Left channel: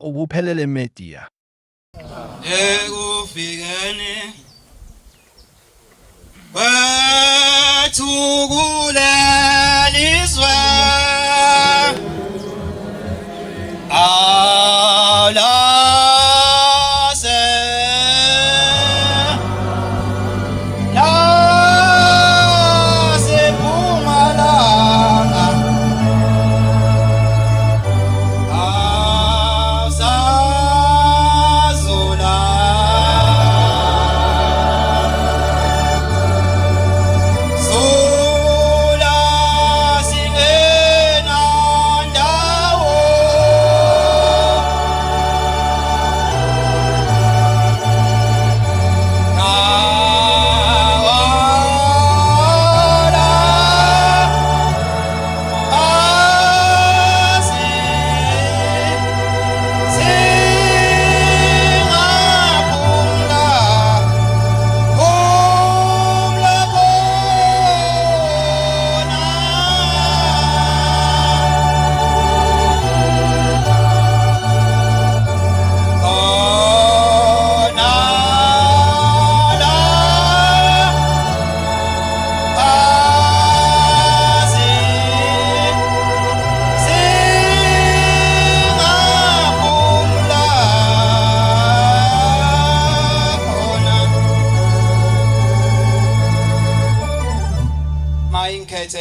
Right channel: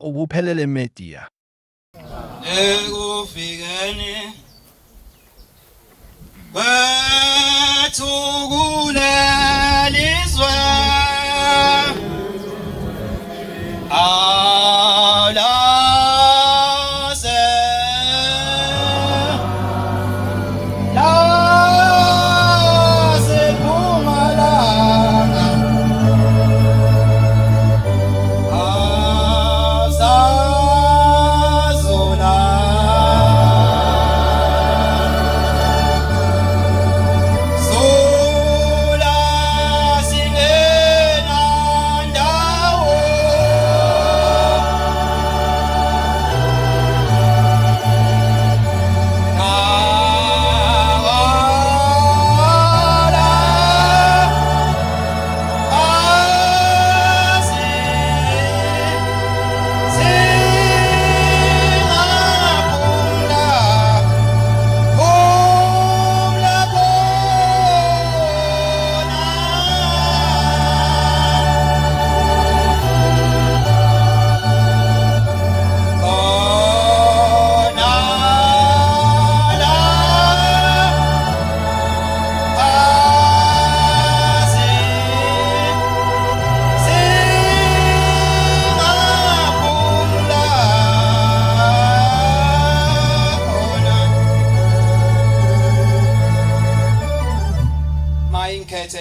ubuphelele media. Ekufikeni bathukulelizwa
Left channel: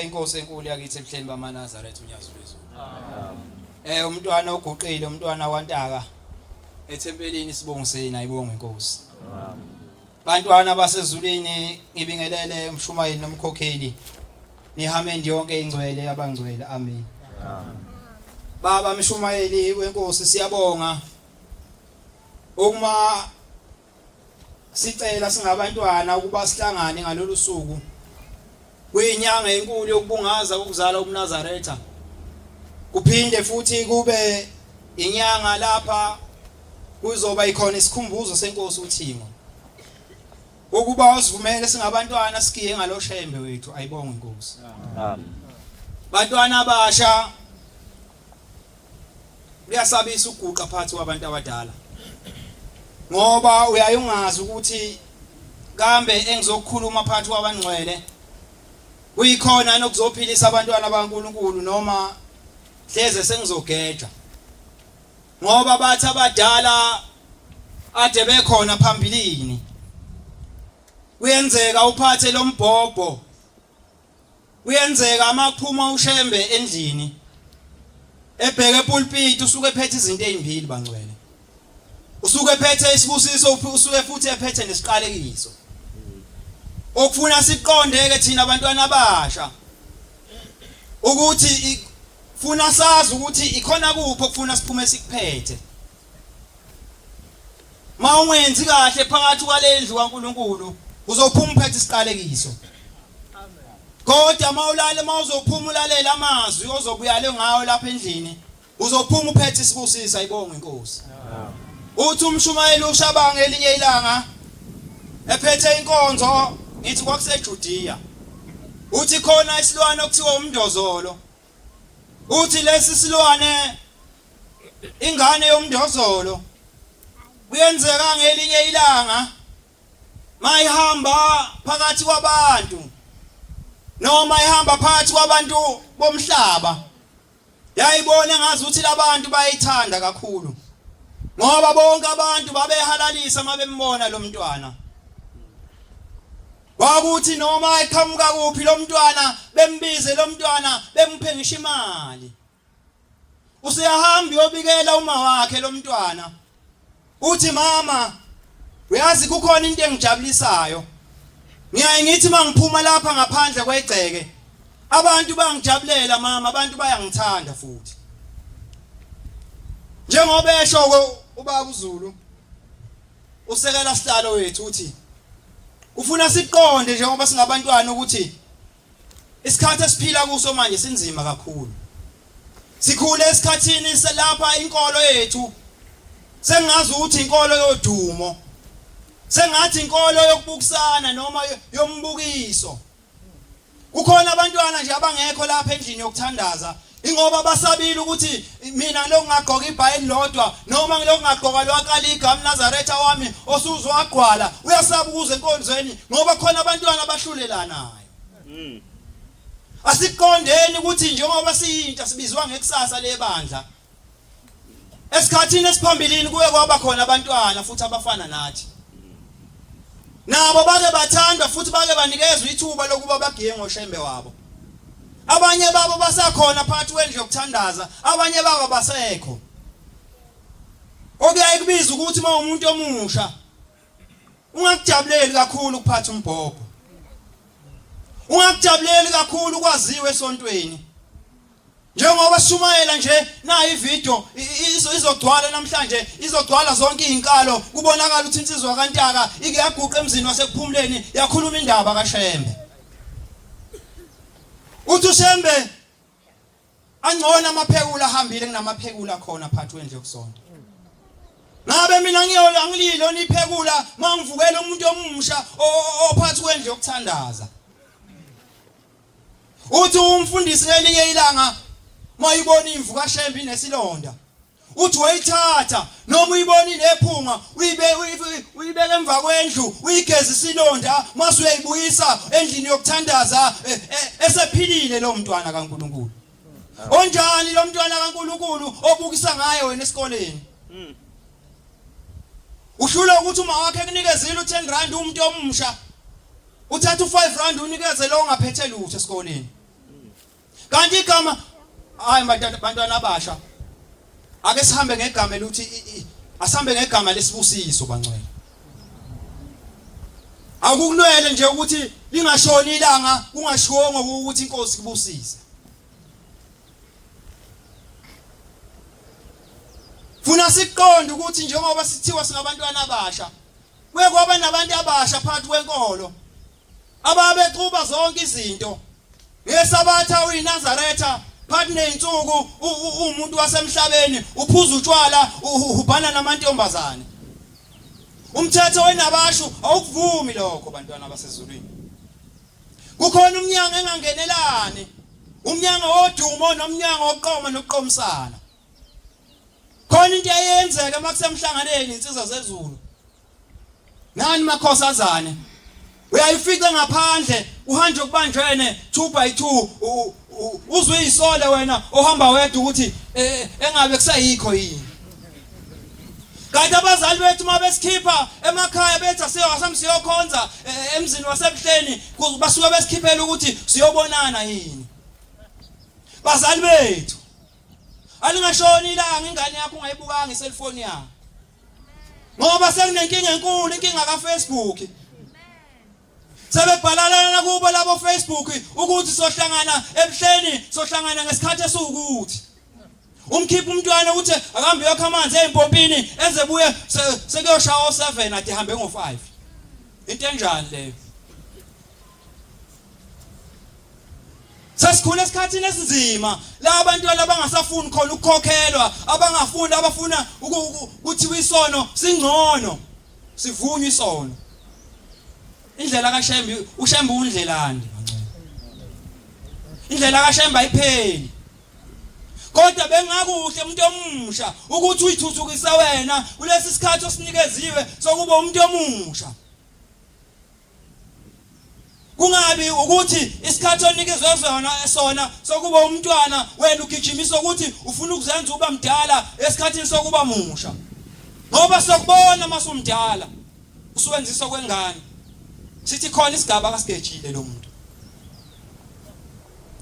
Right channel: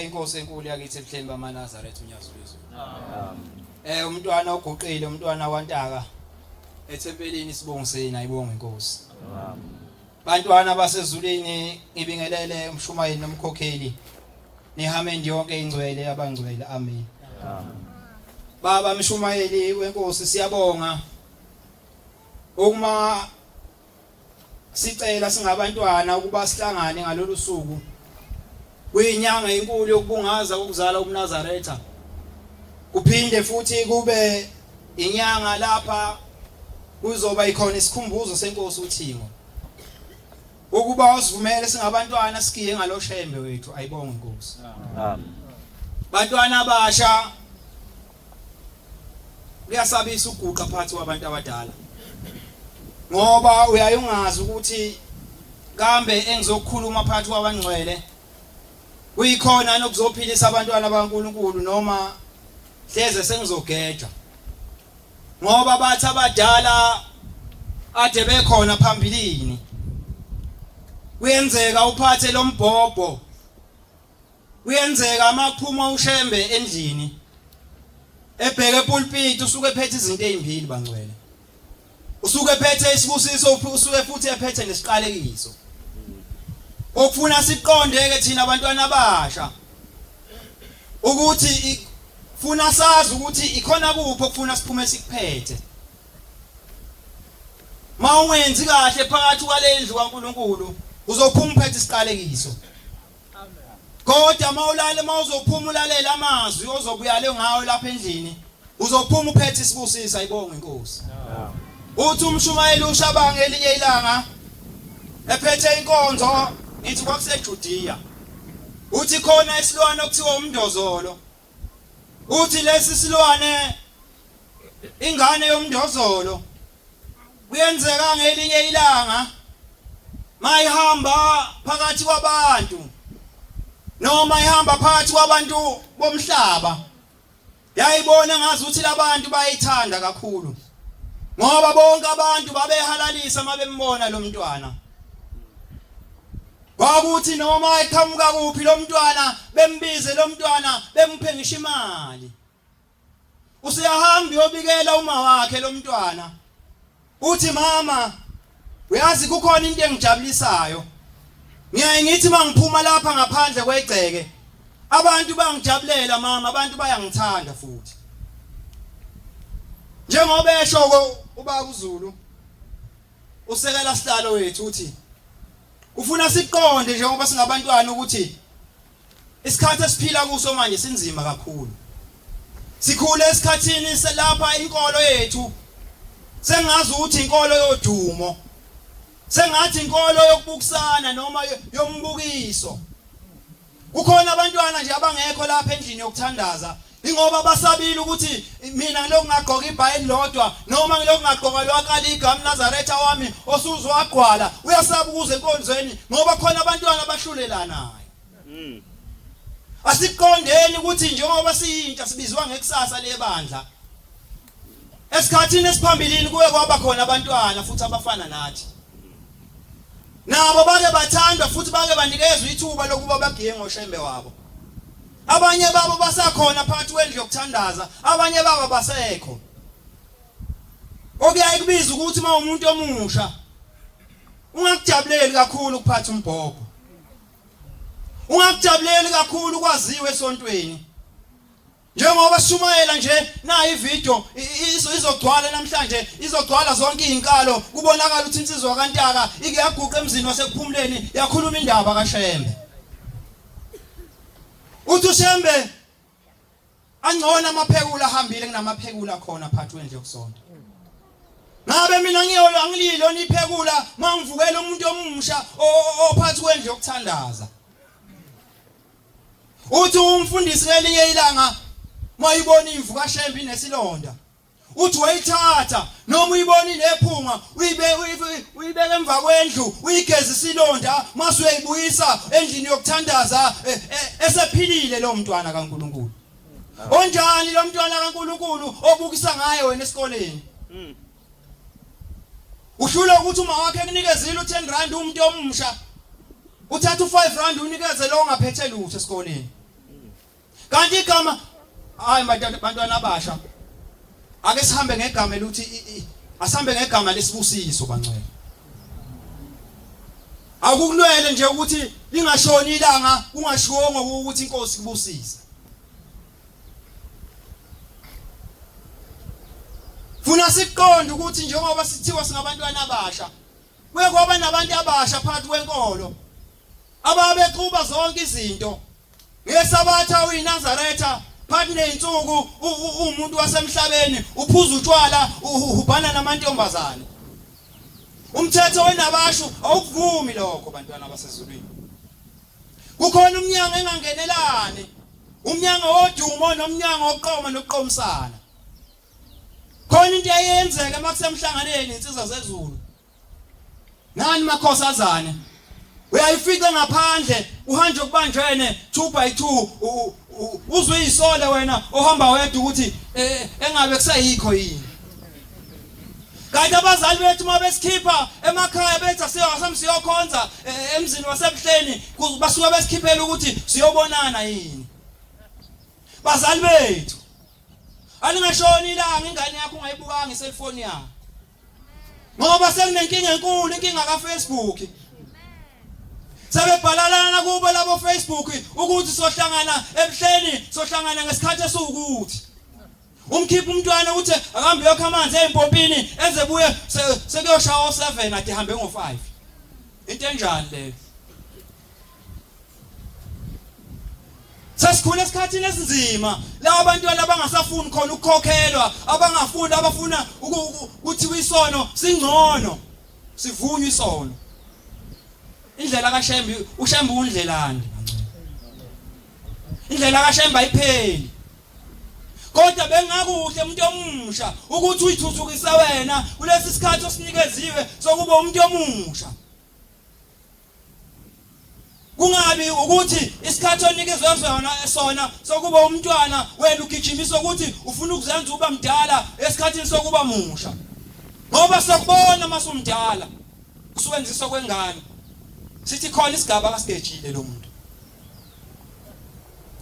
inkosi enkulu yakithi ebuhleni bamaNazaretha uNyazulizwe. Amen. Umntwana oguqile, umntwana wantaka ethempelini sibongiseni ayibonga inkosi. Amen. Bantwana basezulwini ibingelele umshumayeli nomkhokheli. Nihamendi yonke ingcwele abangcwele. Amen. Amen. Baba mshumayeli wenkosi siyabonga. Uma sicela singabantwana ukuba sihlangane ngalolu suku kuyinyanga enkulu yokubungaza ukuzala uMnazaretha, kuphinde futhi kube inyanga lapha kuzoba ikhona isikhumbuzo senkosi uThimo, ukuba usivumele singabantwana sikiye ngaloshembe wethu. Ayibonge inkosi. Amen. Bantwana abasha kuyasabisa uguqa phakathi kwabantu abadala, ngoba uyayungazi ukuthi kambe engizokukhuluma phakathi kwabangcwele kuyikhona nokuzophilisa abantwana baNkulunkulu noma hleze sengizogeja, ngoba bathi abadala ade bekhona phambilini. Kuyenzeka uphathe lombhobho, kuyenzeka makuphuma ushembe endlini ebheke epulpit usuke ephethe izinto ezimbili bangcwele, usuke ephethe isibusiso, usuke futhi ephethe nesiqalekiso. Okufuna siqonde-ke thina abantwana abasha ukuthi funa sazi ukuthi ikhona kuphi okufuna siphume sikuphethe. Ma ungenzi kahle phakathi kwalendlu kaNkulunkulu uzophuma uphethe isiqalekiso. Amen. Kodwa mawulale mawuzophuma ulalela amazwi ozobuyale ngawo lapha endlini uzophuma uphethe isibusiso. Ayibonge inkosi. Amen. Uthi umshumayeli uShabange elinye ilanga ephethe inkonzo ithi kwakuseJudiya, uthi khona isilwane okuthiwa umndozolo. Uthi lesi silwane ingane yomndozolo kuyenzeka ngelinye ilanga mayihamba phakathi kwabantu noma ihamba phakathi kwabantu bomhlaba, yayibona ngazi ukuthi labantu bayithanda kakhulu, ngoba bonke abantu babehalalisa mabembona lo mntwana. Bakuthi noma eqhamuka kuphi lo mntwana bembize lo mntwana bemphe ngisho imali. Usiyahamba uyobikela uma wakhe lo mntwana, uthi mama uyazi kukhona into engijabulisayo, ngiyaye ngithi mangiphuma lapha ngaphandle kwegceke abantu bangijabulela mama, abantu bayangithanda futhi. Njengoba esho ubaba uZulu usekela sihlalo wethu uthi ufuna siqonde njengoba singabantwana ukuthi isikhathi esiphila kuso manje sinzima kakhulu. Sikhule esikhathini selapha inkolo yethu sengazi ukuthi inkolo yodumo, sengathi inkolo yokubukisana noma yombukiso. Kukhona abantwana nje abangekho lapha endlini yokuthandaza Ingoba basabile ukuthi mina lokungagqoka ibhayili lodwa noma ngilokungagqoka lwakali igama Nazaretha wami osuzwagqwala uyasaba ukuze enkonzweni ngoba khona abantwana abahlulelanayo. Asiqondeni ukuthi njengoba siyintsha sibizwa ngekusasa lebandla. Esikhathini esiphambilini kuye kwaba khona abantwana futhi abafana nathi. Nabo bake bathandwa futhi bake banikezwe ithuba lokuba bagiye ngoshembe wabo. Abanye babo basakhona phakathi kwendlu yokuthandaza, abanye babo basekho. Okuyaye kubiza ukuthi uma umuntu omusha ungakujabuleli kakhulu ukuphatha umbhobho. Ungakujabuleli kakhulu kwaziwe esontweni. Njengoba Shumayela nje na ivideo izogcwala namhlanje izogcwala zonke izinkalo kubonakala ukuthi insizwa kaNtaka ike yaguqa emzini wasekuphumuleni yakhuluma indaba kaShembe. Uthi uShembe angcona amaphekula ahambile kunamaphekula khona phakathi kwendlu yokusonta. Ngabe mina angililo niphekula mangivukela umuntu omusha ophathi kwendlu yokuthandaza. Uthi umfundisi ngelinye ilanga mayibona imvu kaShembe inesilonda. Uthi wayithatha noma uyibona inephunga uyibeke emva kwendlu uyigeza isilonda mase uyayibuyisa endlini yokuthandaza esephilile lo mntwana kaNkuluNkulu. Onjani lo mntwana kaNkuluNkulu obukisa ngaye wena esikoleni? Uhlula ukuthi uma wakhe kunikezile u10 rand umuntu omusha uthatha u5 rand unikeze lo ongaphethe lutho esikoleni. Kanti igama hayi bantwana abasha ake sihambe ngegama eluthi asihambe ngegama lesibusiso bangcwele. Akukulwele nje ukuthi lingashoni ilanga kungashongo ukuthi inkosi kubusisa. Funa siqonde ukuthi njengoba sithiwa singabantwana abasha kuye kwaba nabantu abasha phakathi kwenkolo ababequba zonke izinto. Ngesabatha uyiNazaretha phakathi neinsuku umuntu wasemhlabeni uphuza utshwala ubhana namantombazane. Umthetho wenabashu awukuvumi lokho bantwana basezulwini. Kukhona umnyango engangenelane, umnyango wodumo nomnyango woqoma nokuqomisana. Khona into eyenzeka makusemhlanganeni insizwa zezulu. Nani makhosazane uyayifika ngaphandle uhanje kubanjene 2 by 2 uzwe isole wena ohamba wedwa ukuthi engabe kusayikho yini. Kanti abazali bethu mabesikhipa emakhaya bethu siyokhonza emzini wasebuhleni basuka besikhiphela ukuthi siyobonana yini. Bazali bethu alingashoni ilanga ingane yakho ungayibukanga iselfoni yakho. Ngoba sekunenkinga enkulu inkinga kaFacebook. Sebebhalalana kubo labo Facebook ukuthi sohlangana ebuhleni sohlangana ngesikhathi esiwukuthi. Umkhipha umntwana uthi akambe yokho amanzi empompini enze buye sekuyoshawa 7 ade hambe ngo5. Into enjani leyo? Sasikhona esikhathini esinzima la abantwana abangasafuni khona ukukhokhelwa abangafuni abafuna ukuthi isono singcono sivunywe isono. Indlela kaShembe uShembe undlelani indlela kaShembe ayipheli. Kodwa bengakuhle umuntu omusha ukuthi uyithuthukise wena kulesi sikhathi osinikeziwe sokuba umuntu omusha. Kungabi ukuthi isikhathi onikezwe sona sokuba umntwana wena ugijimisa ukuthi ufuna ukuzenza uba mdala esikhathini sokuba musha. Ngoba sokubona masumdala usebenzisa kwengane. Sithi khona isigaba kasigejile lo muntu.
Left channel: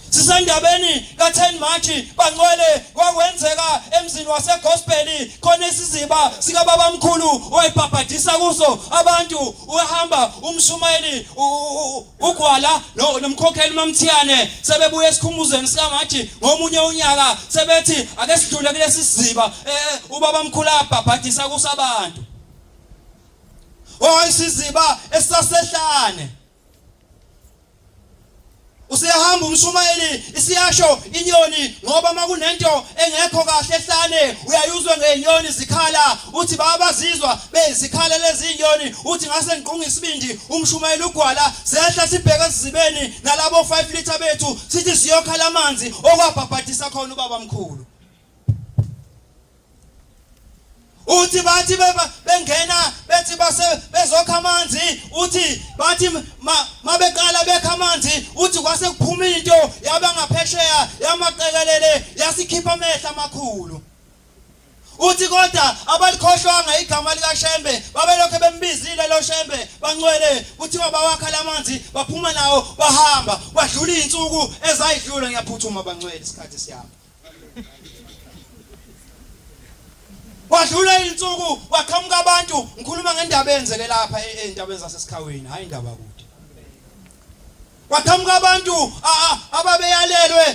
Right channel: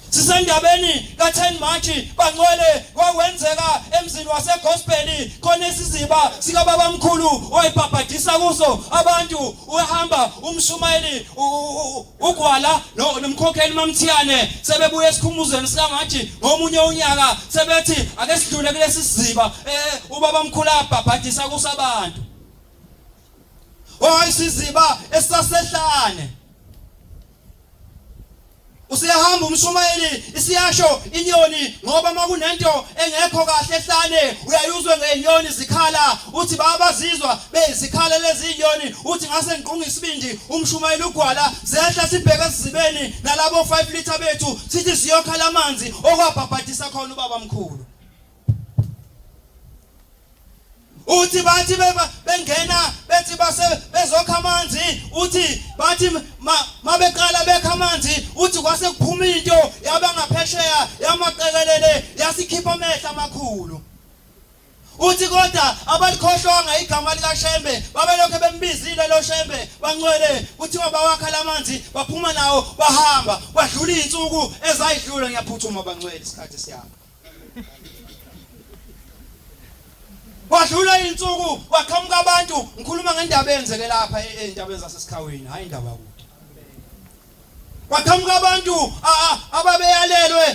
Sisendabeni ka10 March bangcwele kwakwenzeka emzini waseGospel khona isiziba sika baba mkhulu oyibhabhadisa kuso abantu uhamba umshumayeli ugwala nomkhokheli mamthiyane sebebuya esikhumuzweni sika March ngomunye unyaka sebethi ake sidlule kulesi siziba ubaba mkhulu abhabhadisa kuso abantu. Isiziba esasehlane Usiyahamba umshumayeli isiyasho inyoni ngoba makunento engekho kahle ehlane uyayuzwe ngenyoni zikhala uthi babazizwa bezikhala lezi inyoni uthi ngase ngiqunga isibindi umshumayeli ugwala zehla sibheke sizibeni nalabo 5 liter bethu sithi siyokhala amanzi okwabhabhadisa khona ubaba mkhulu uthi bathi bengena bethi bezokha amanzi uthi bathi mabeqala bekha amanzi uthi kwase kuphuma into yaba ngaphesheya yamaqekelele yasikhipha amehla amakhulu uthi kodwa abalikhohlwanga igama lika Shembe babelokho bembizile lo Shembe bancwele kuthiwa bawakhala amanzi baphuma nawo bahamba kwadlula izinsuku ezayidlula ngiyaphuthuma bancwele isikhathi siyapha Wadlula insuku waqhamuka abantu ngikhuluma ngendaba eyenzeke lapha eindabeni zasesikhaweni hayi indaba kude Waqhamuka abantu ababeyalelwe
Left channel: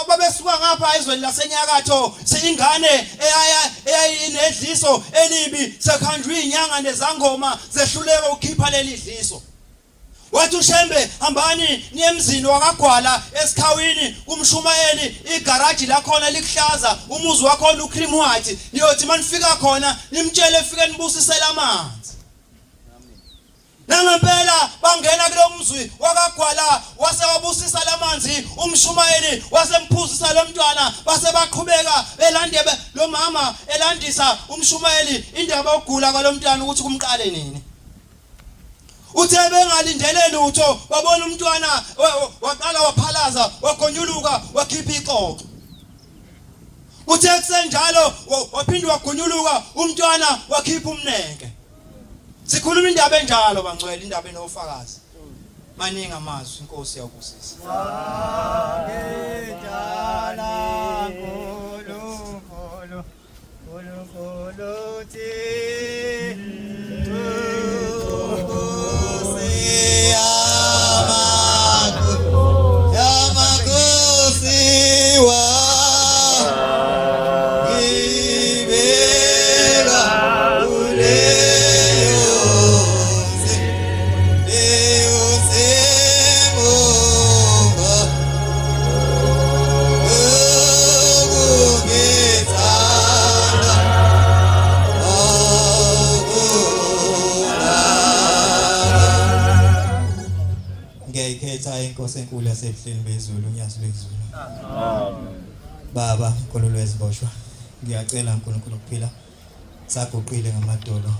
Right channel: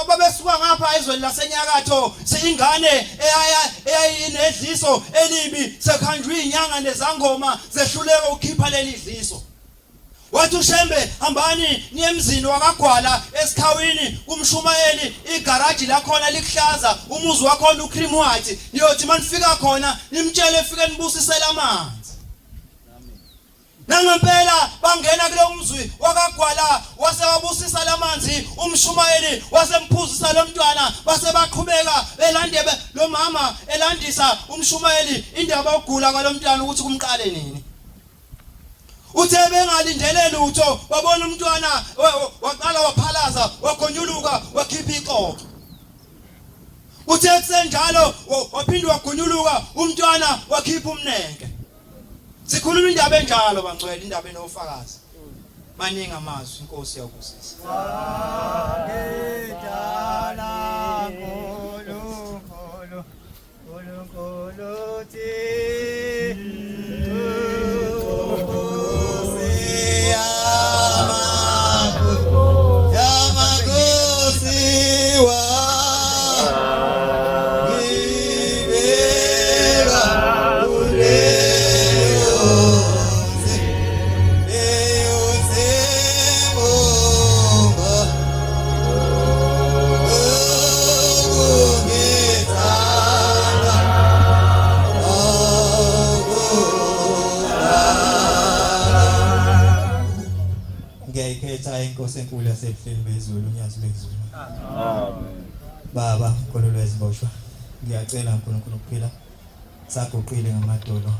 ababesuka ngapha ezweni lasenyakatho siyingane eyayinedliso elibi sekhandwe inyanga nezangoma zehluleka ukukhipha leli dliso Wathi uShembe hambani niye emzini wakagwala esikhawini kumshumayeli igaraji la khona likuhlaza umuzi wakho ucream white niyothi manifika khona nimtshele efike nibusisela amanzi Nangempela bangena kulo mzwi wakagwala wasewabusisa lamanzi umshumayeli wasemphuzisa lo mntwana base baqhubeka belande lo mama elandisa umshumayeli indaba ogula kwalo mntwana ukuthi kumqale nini Uthe bengalindele lutho babona umntwana waqala waphalaza wagonyuluka wakhipha iqoqo Uthe kusenjalo waphindwa wagonyuluka umntwana wakhipha umneke Sikhuluma indaba enjalo bangcwele indaba enofakazi maningi amazwi inkosi yakubusisa Ngedala kholo ti Inkosi enkulu yasebuhleni bezulu ngiyazi bezulu amen Baba nkulunkulu weziboshwa ngiyacela uNkulunkulu ukuphila saguqile ngamadolo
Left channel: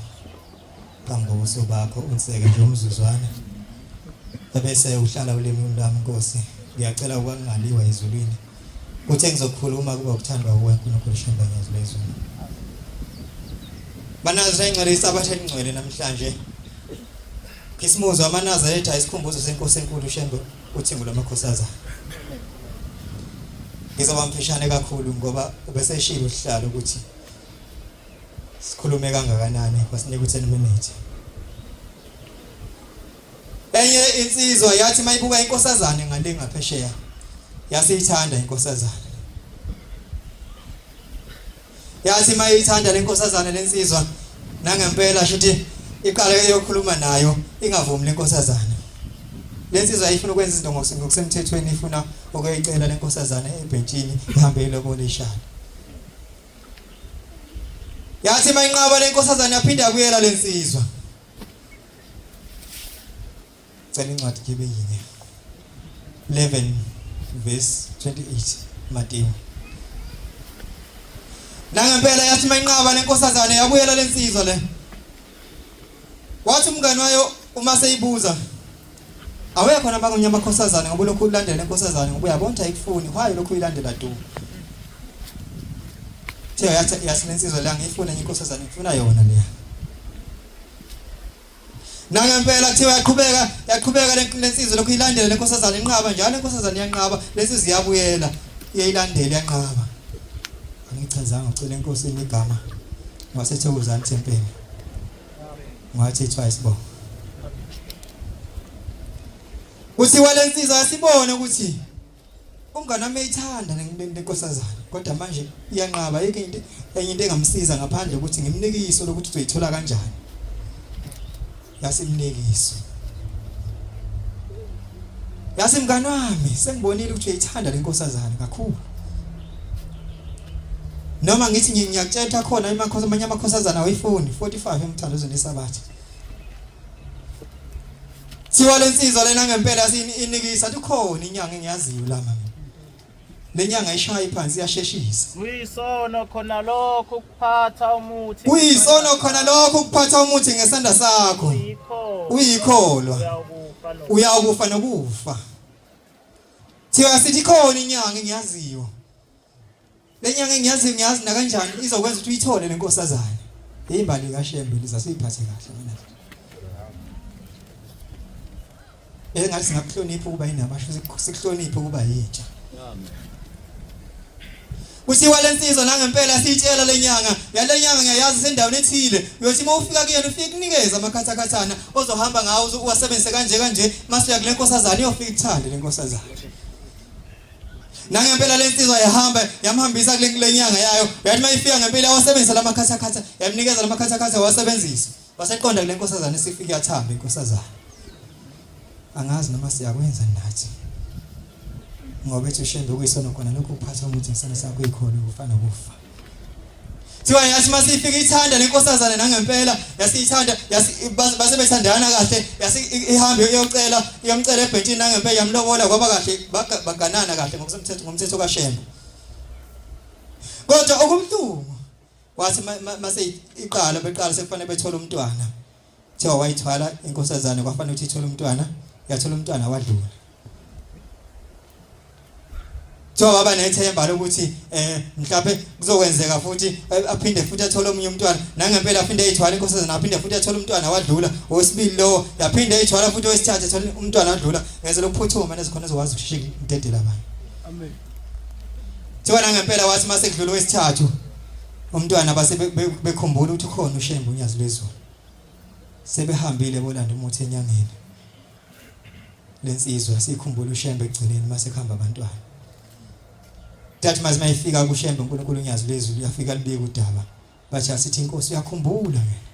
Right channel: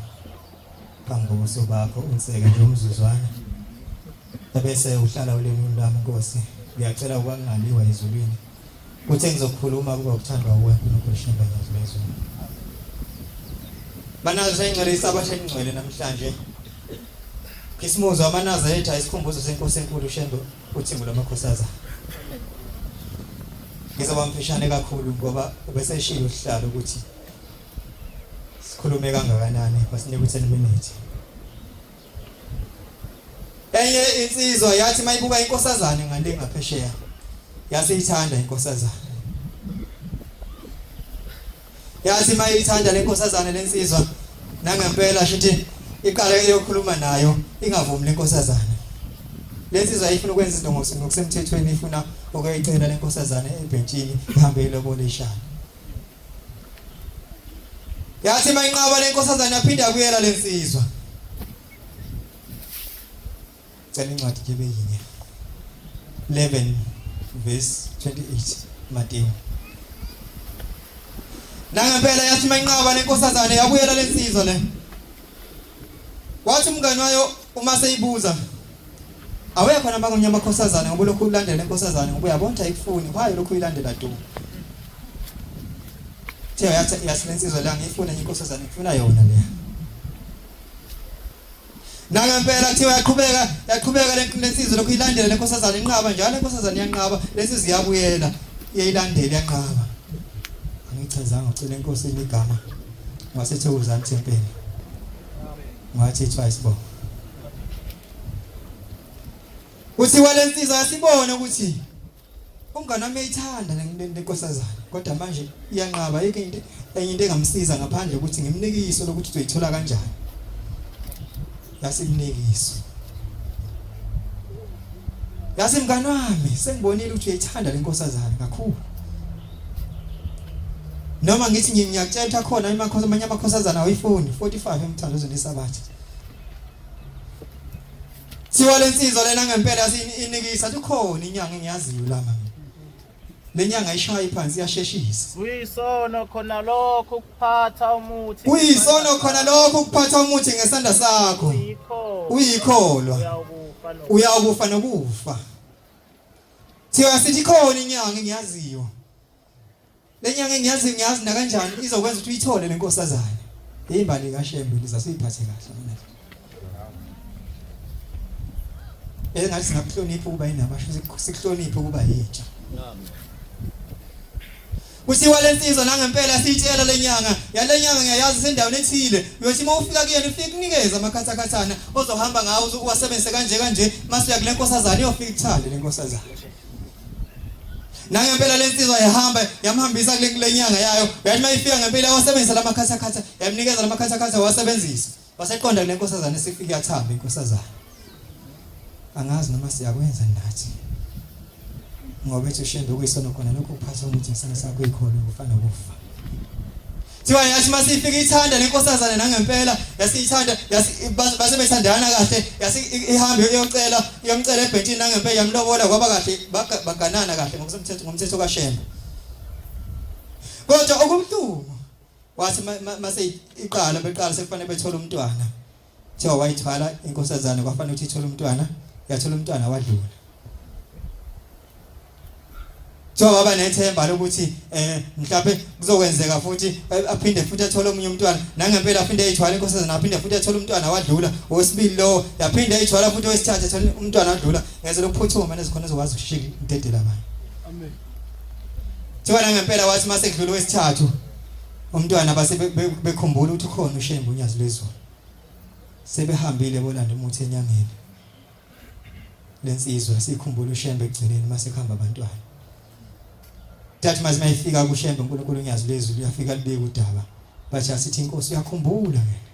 phambi kobuso bakho unseke nje umzuzwana bese uhlala ulemini lami Nkosi ngiyacela ukwangaliwa ezulwini uthe ngizokhuluma kuba ukuthandwa uNkulunkulu Shembe ngiyazi bezulu Banazi ingcwelisa abatheni ingcwele namhlanje Kismuzo amanazareta isikhumbuzo senkosi enkulu Shembe uthi ngulamakhosaza Ngizoba mfishane kakhulu ngoba bese shilo isihlalo ukuthi sikhulume kangakanani basinika u10 minutes Enye insizwa yathi mayibuka inkosazane ngale ngaphesheya yasithanda inkosazane Yathi mayithanda lenkosazane lensizwa nangempela shithi iqale yokhuluma nayo ingavumi lenkosazane Lensizwa ifuna ukwenza izinto ngokusemthethweni ifuna ukuyicela lenkosazane ebhentshini uhambe lobolishana Yathi mayinqaba lenkosazane yaphinda yakuyela lensizwa Cela incwadi kibe yini 11 verse 28 Matthew Nangempela yathi mayinqaba lenkosazane yakuyela lensizwa le Wathi umngane wayo uma seyibuza Awuya khona bakunyama khosazana ngoba lokhu ulandela inkosazana ngoba uyabona ayikufuni kwaye lokhu uyilandela tu Thiya yasilensizwe la ngifuna inkosazana ngifuna yona le Nangempela thiya yaqhubeka lensizwe lokhu uyilandela inkosazana inqaba njalo inkosazana yanqaba lensizwe yabuyela iyilandela yanqaba Angichazanga ucela inkosi igama ngasethokozana tempele Ngathi twice bo Uthi walensizwa yasibona ukuthi umngane wami uyithanda lenkosazana kodwa manje iyanqaba yeke into enye into engamsiza ngaphandle ukuthi ngimnikiso lokuthi uzoyithola kanjani Yasimnikiso Yasemngani wami sengibonile ukuthi uyayithanda lenkosazana kakhulu. Noma ngithi ngiyakutshela khona amanye amakhosazana awayifuni 45 emthandazweni esabatha. Siwa lensizwa lena ngempela inikisa ukhona inyanga engiyaziyo la mama. Lenyanga ishaya phansi iyasheshisa. Kuyisono khona lokho ukuphatha umuthi. Kuyisono khona lokho ukuphatha umuthi ngesandla sakho. Uyikholwa. Uyakufa nokufa. Thiwa sithi khona inyanga engiyaziyo. Lenyanga engiyazi na kanjani izokwenza ukuthi uyithole lenkosazana. Imbali kaShembe lizasiphathe kahle mina. Ngathi singakuhlonipha ukuba yinamasho sikuhloniphe ukuba yitsha. Kusiwa lensizwa nangempela sitshela lenyanga yalenyanga ngiyayazi sendaweni ethile uyothi mawufika kuyena ufike kunikeza amakhathakathana ozohamba ngawo uwasebenzise kanje masiya kule nkosazana iyofika ithande lenkosazana. Nangempela lensizwa yamhambisa kule nyanga yayo yathi mayifika ngempela wasebenzisa lamakhathakhatha yamnikeza lamakhathakhatha wasebenzisa waseqonda kule nkosazana esifika yathamba inkosazana. Angazi noma siyakwenza nathi. Ngoba ethi uShembe kuyisono khona lokho kuphatha umuthi ngesana sakho ikhona ufana kufa. Thiwa yathi masifika ithanda lenkosazana nangempela yasithanda basebethandana kahle ihambe iyomcela ebhentini nangempela yamlobola kwaba kahle baganana kahle ngomthetho kaShembe. Kodwa okumhlumo wathi mase beqala sekufanele bethole umntwana. Thiwa wayithwala inkosazana kwafanele ukuthi ithole umntwana yathola umntwana wadlula. So baba nethemba lokuthi mhlawumbe kuzokwenzeka futhi aphinde futhi athole omunye umntwana nangempela aphinde ayithwala inkosazana aphinde futhi athole umntwana wadlula wesibili lo yaphinde ayithwala futhi wesithathu athole umntwana wadlula ngeze lokuphuthuma nezikhona ezokwazi ukushila intedela abanye. So nangempela wathi mase kudlula wesithathu umntwana base bekhumbula ukuthi ukhona uShembe unyazi lwezulu. Sebehambile bolanda umuthi enyangeni. Lensizwa sikhumbula uShembe egcineni mase khamba abantwana. Thathi mazi mayifika kuShembe uNkulunkulu unyazi lezulu uyafika libike udaba. Bathi asithi inkosi uyakhumbula mina.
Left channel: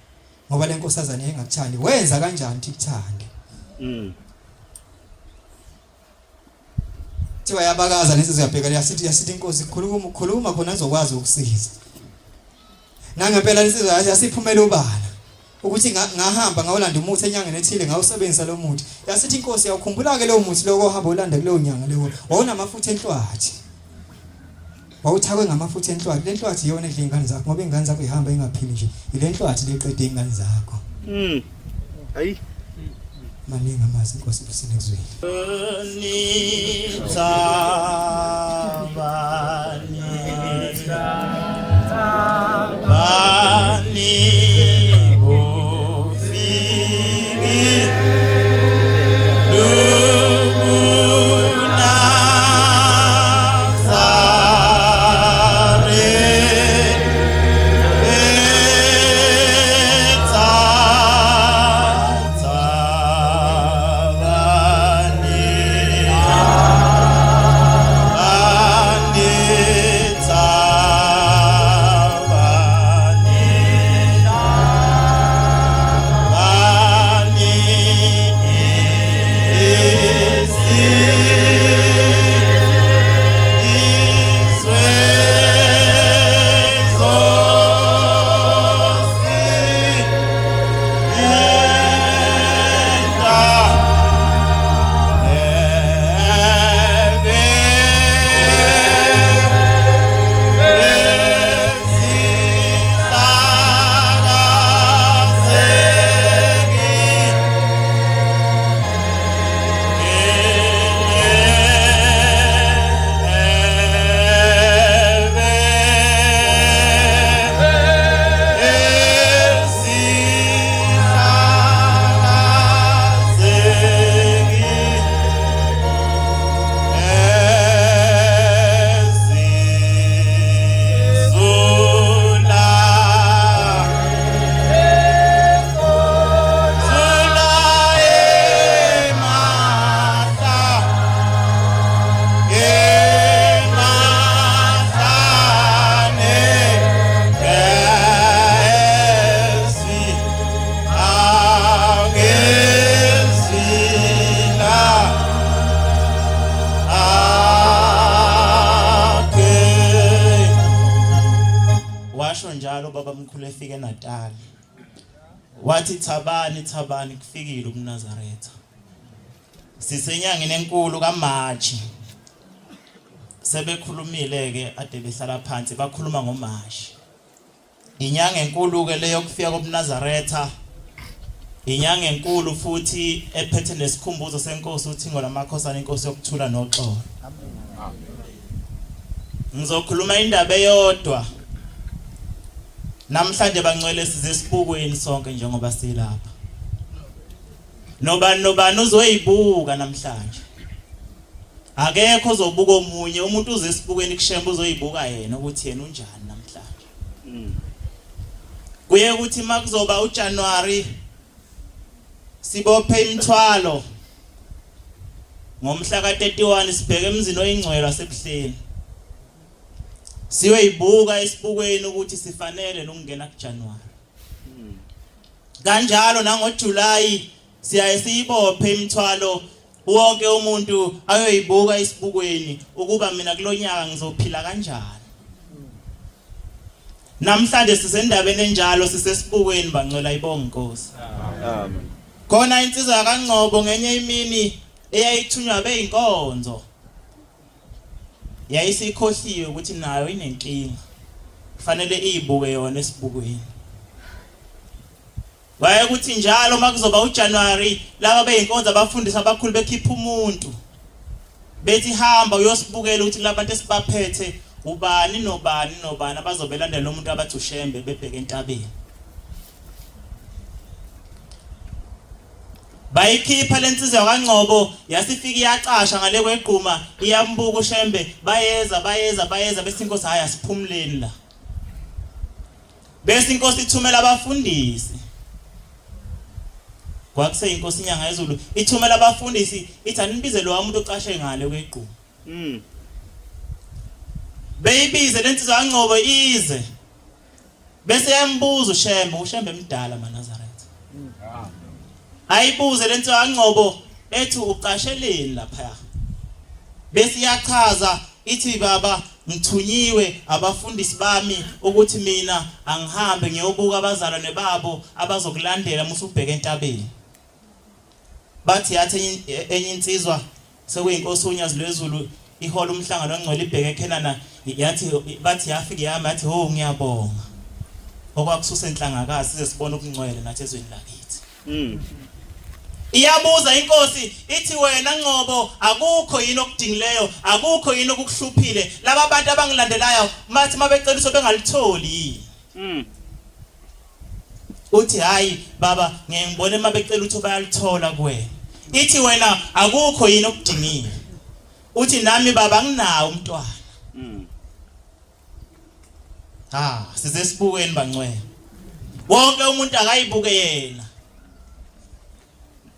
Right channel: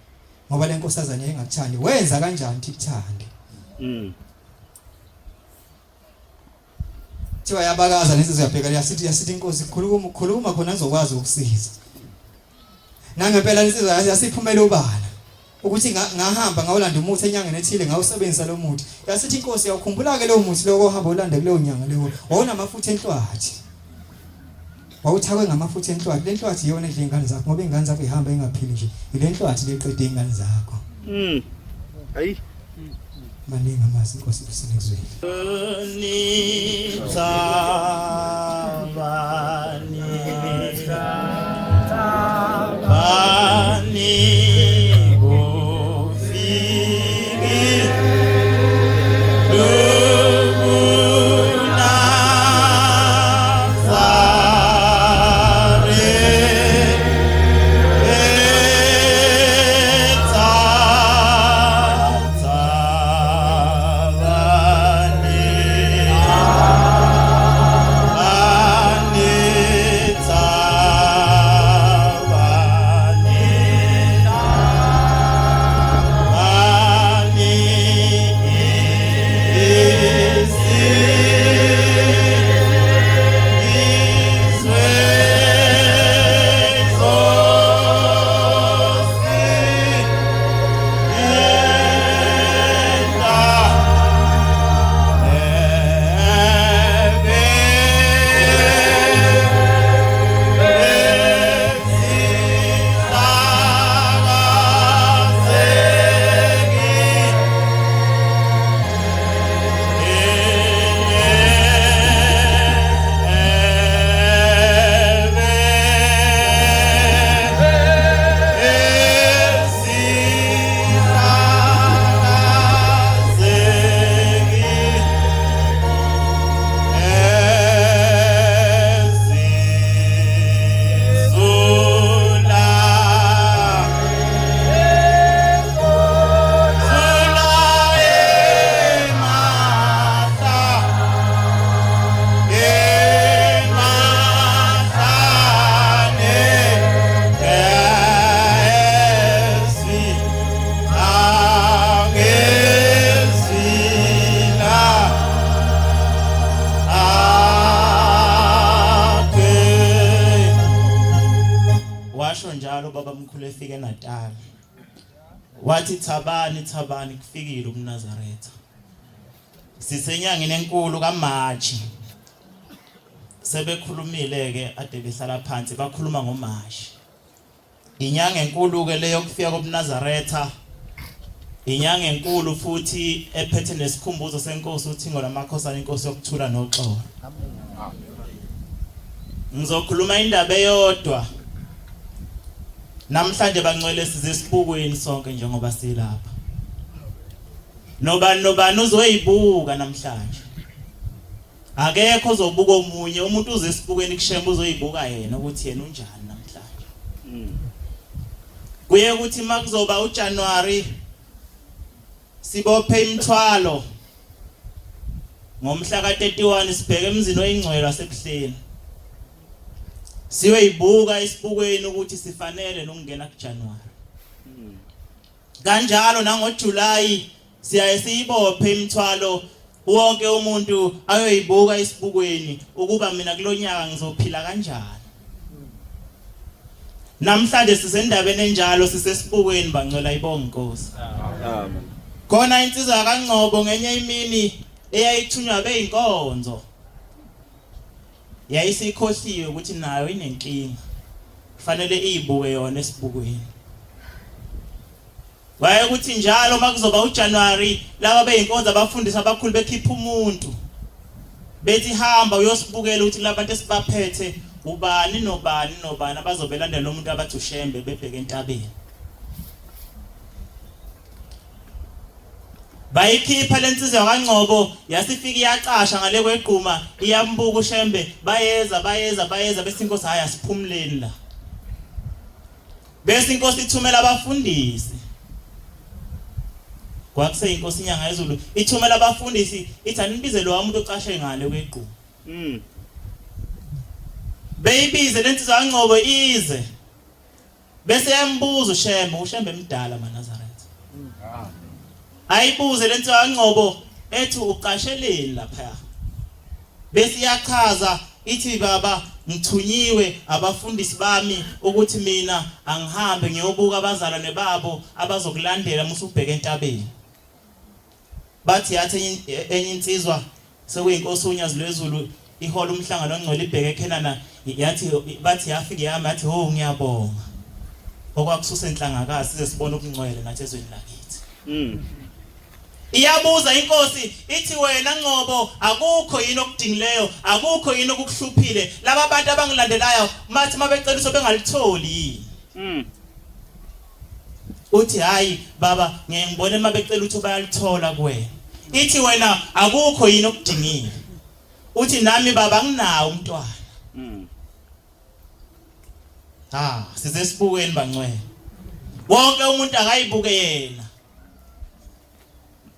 Ngoba lenkosazana engakuthandi wenza kanjani ukuthande. Thiwa yabakaza lensizwa yabheka yasithi inkosi khuluma khona azokwazi ukusiza. Nangempela lensizwa yasiphumela obala. Ukuthi ngahamba ngawulanda umuthi enyangeni ethile ngawusebenzisa lo muthi. Yasithi inkosi yakukhumbula ke lo muthi lokho ohamba ulanda kuleyo nyanga leyo. Wawona amafutha enhlwathi. Wawuthakwe ngamafutha enhlwathi. Le nhlwathi iyona edla ingane zakho ngoba ingane zakho ihamba engaphili nje. Ile nhlwathi leqeda ingane zakho. Hayi. Maningi amazi inkosi kusinezweni. eNatal. Wathi Thabani kufikile uMnazaretha. Sisenyangeni enkulu kaMarch. Sebekhulumile ke ade behlala phansi bakhuluma ngoMarch. Inyanga enkulu ke leyo kufika koMnazaretha. Inyanga enkulu futhi ephethe nesikhumbuzo senkosi uThingo lamakhosana inkosi yokuthula noxolo. Ngizokhuluma indaba eyodwa. Namhlanje bangcwele size sibukweni sonke njengoba silapha. Nobani uzoyibuka namhlanje. Akekho ozobuka omunye, umuntu uze sibukweni kushemba uzoyibuka yena ukuthi yena unjani namhlanje. Kuye ukuthi makuzoba uJanuary sibophe imithwalo. Ngomhla ka31 sibheke emzini oyingcwele wasebuhleni. Siyoyibuka isibukweni ukuthi sifanele nokungena kuJanuary. Kanjalo nangoJuly siyaye siyibophe imithwalo wonke umuntu ayoyibuka isibukweni ukuba mina kulonyaka ngizophila kanjani. Namhlanje sisendabeni enjalo sisesibukweni bangcwela ibonga inkosi. Amen. Khona insizwa kaNgcobo ngenye imini eyayithunywa beyinkonzo. Yayisikhohliwe ukuthi nayo inenkinga. Kufanele iyibuke yona esibukweni. Waye ukuthi njalo makuzoba uJanuary laba beyinkonzo abafundisa abakhulu bekhipha umuntu. Bethi hamba uyosibukela ukuthi labantu esibaphethe ubani nobani abazobelandela umuntu abathi ushembe bebheke entabeni. Bayikhipha lensizwa kaNgcobo yasifika iyaqasha ngale kweqhuma iyambuka ushembe bayeza bese inkosi haya siphumuleni la. Bese inkosi ithumela abafundisi. Kwakuse inkosi inyanga yezulu ithumela abafundisi ithi anibize lo umuntu ocashe ngale kweqhuma. Beyibize lensizwa kaNgcobo ize. Bese yambuza ushembe emdala maNazaretha. Ayibuze lensizwa kaNgcobo ethi uqasheleni lapha. Bese iyachaza ithi baba ngithunyiwe abafundisi bami ukuthi mina angihambe ngiyobuka abazalwane babo abazokulandela musubheka entabeni. Bathi yathi enye insizwa sekuyinkosi uNyazi lwezulu ihola umhlangano ongcwele ibheke eKhenana yathi bathi yafika yami yathi ho ngiyabonga. Okwakususa enhlangakazi size sibone ukungcwele nathi ezweni lakithi. Iyabuza inkosi ithi wena Ngcobo akukho yini okudingileyo akukho yini okukuhluphile laba abantu abangilandelayo mathi mabecela iso bengalitholi yini. Uthi hayi baba ngiyibone mabecela ukuthi bayalithola kuwena. Ithi wena akukho yini okudingile. Uthi nami baba nginawo umntwana. Size sibukweni bangcwele. Wonke umuntu akayibuke yena.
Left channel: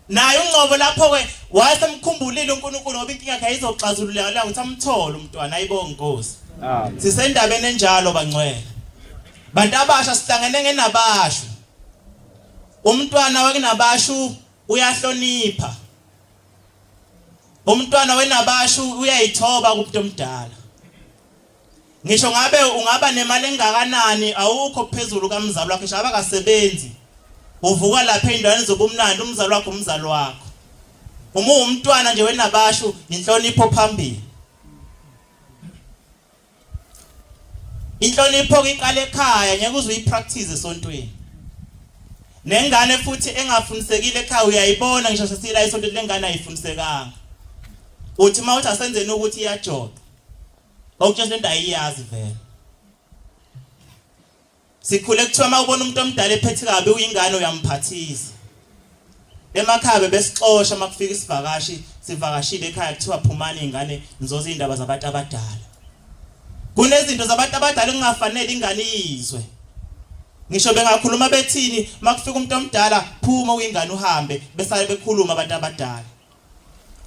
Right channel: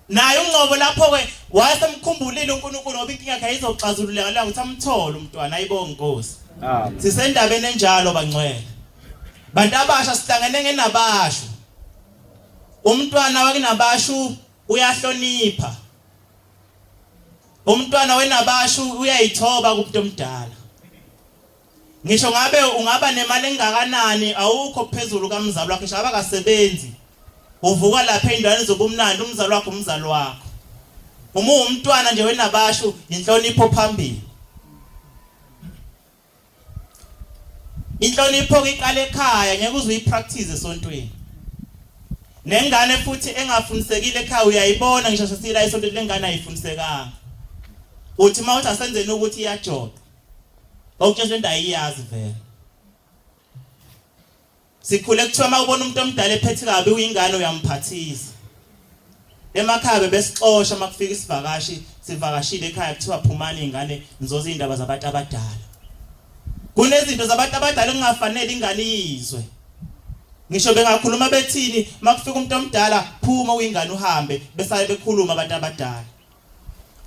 Naye uNgcobo lapho ke wayesemkhumbulile uNkulunkulu ngoba inkinga yakhe izoxazululeka la ukuthi amthole umntwana ayibonga inkosi. Sisendabeni enjalo bangcwele. Bantu abasha sihlangene ngenabasho. Umntwana wakenabasho uyahlonipha. Umntwana wenabasho uyayithoba kumuntu omdala. Ngisho ngabe ungaba nemali engakanani awukho phezulu kamzalo wakhe shaba kasebenzi. Uvuka lapha endaweni zobumnandi umzalo wakho umzalo wakho. Uma umntwana nje wenabasho inhlonipho phambili. Inhlonipho iqala ekhaya ngeke uze uyipractice esontweni. Nengane futhi engafundisekile ekhaya uyayibona ngisho sesila esontweni lengane ayifundisekanga. Uthi mawuthi asenzeni ukuthi iyajoda. Okutshela into ayiyazi vele. Sikhule kuthiwa mawubona umuntu omdala ephethe kabi uyingane uyamphathisa. Emakhaya besixosha makufika isivakashi sivakashile ekhaya kuthiwa phumani ingane nizoza indaba zabantu abadala. Kunezinto zabantu abadala engafanele ingane izwe. Ngisho bengakhuluma bethini makufika umuntu omdala phuma uyingane uhambe bese bekhuluma abantu abadala.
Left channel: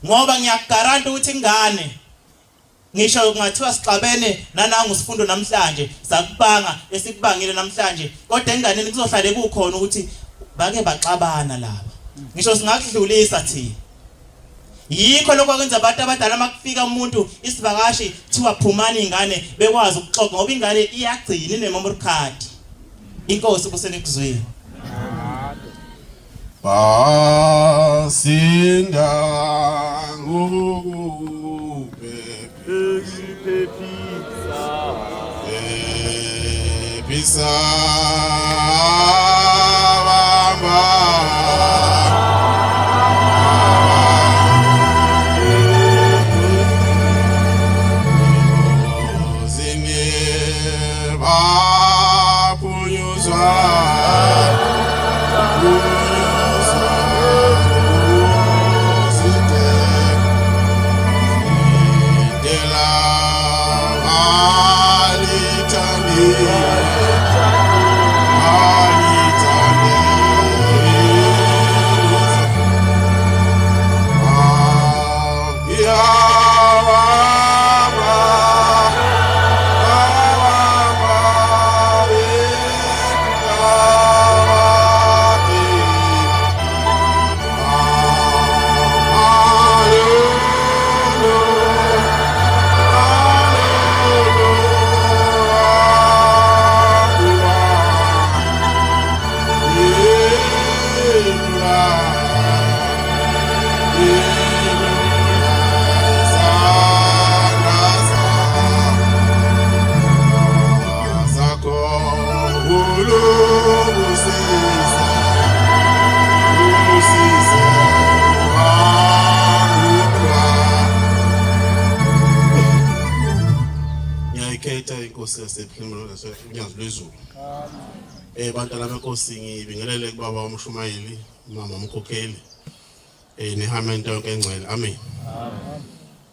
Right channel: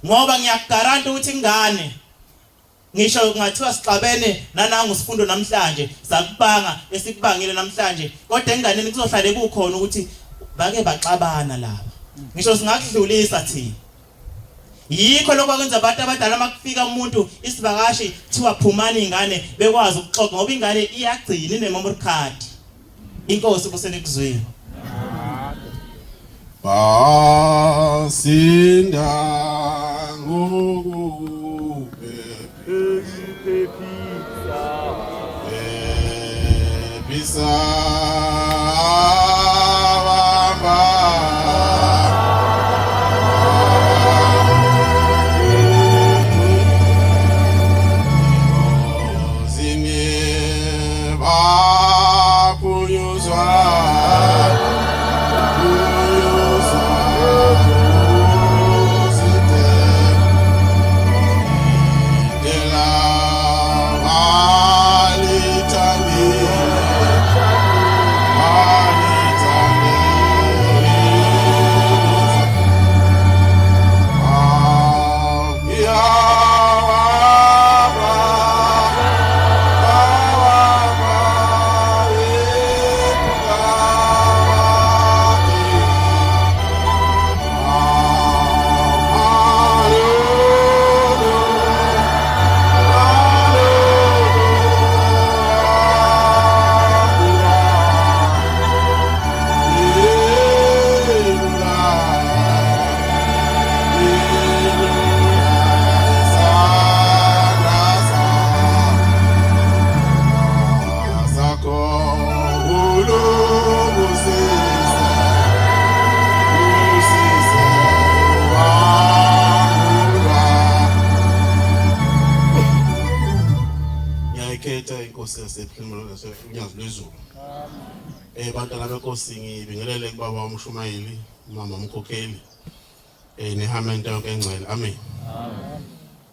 Ngoba ngiyakugaranta ukuthi ingane ngisho kungathiwa sixabene nanangu sifundo namhlanje sakubanga esikubangile namhlanje kodwa enganeni kuzohlale kukhona ukuthi bake baxabana laba. Ngisho singakudlulisa thina. Yikho lokho kwenza abantu abadala makufika umuntu isivakashi kuthiwa phumani ingane bekwazi ukuxoxa ngoba ingane iyagcina ine memory card. inkosi kusenikuzwile. Basinda ngokuphephisa bantwana benkosi ngibingelele kubaba uMshumayeli mama umkhokheli nehamente yonke engcwele amen.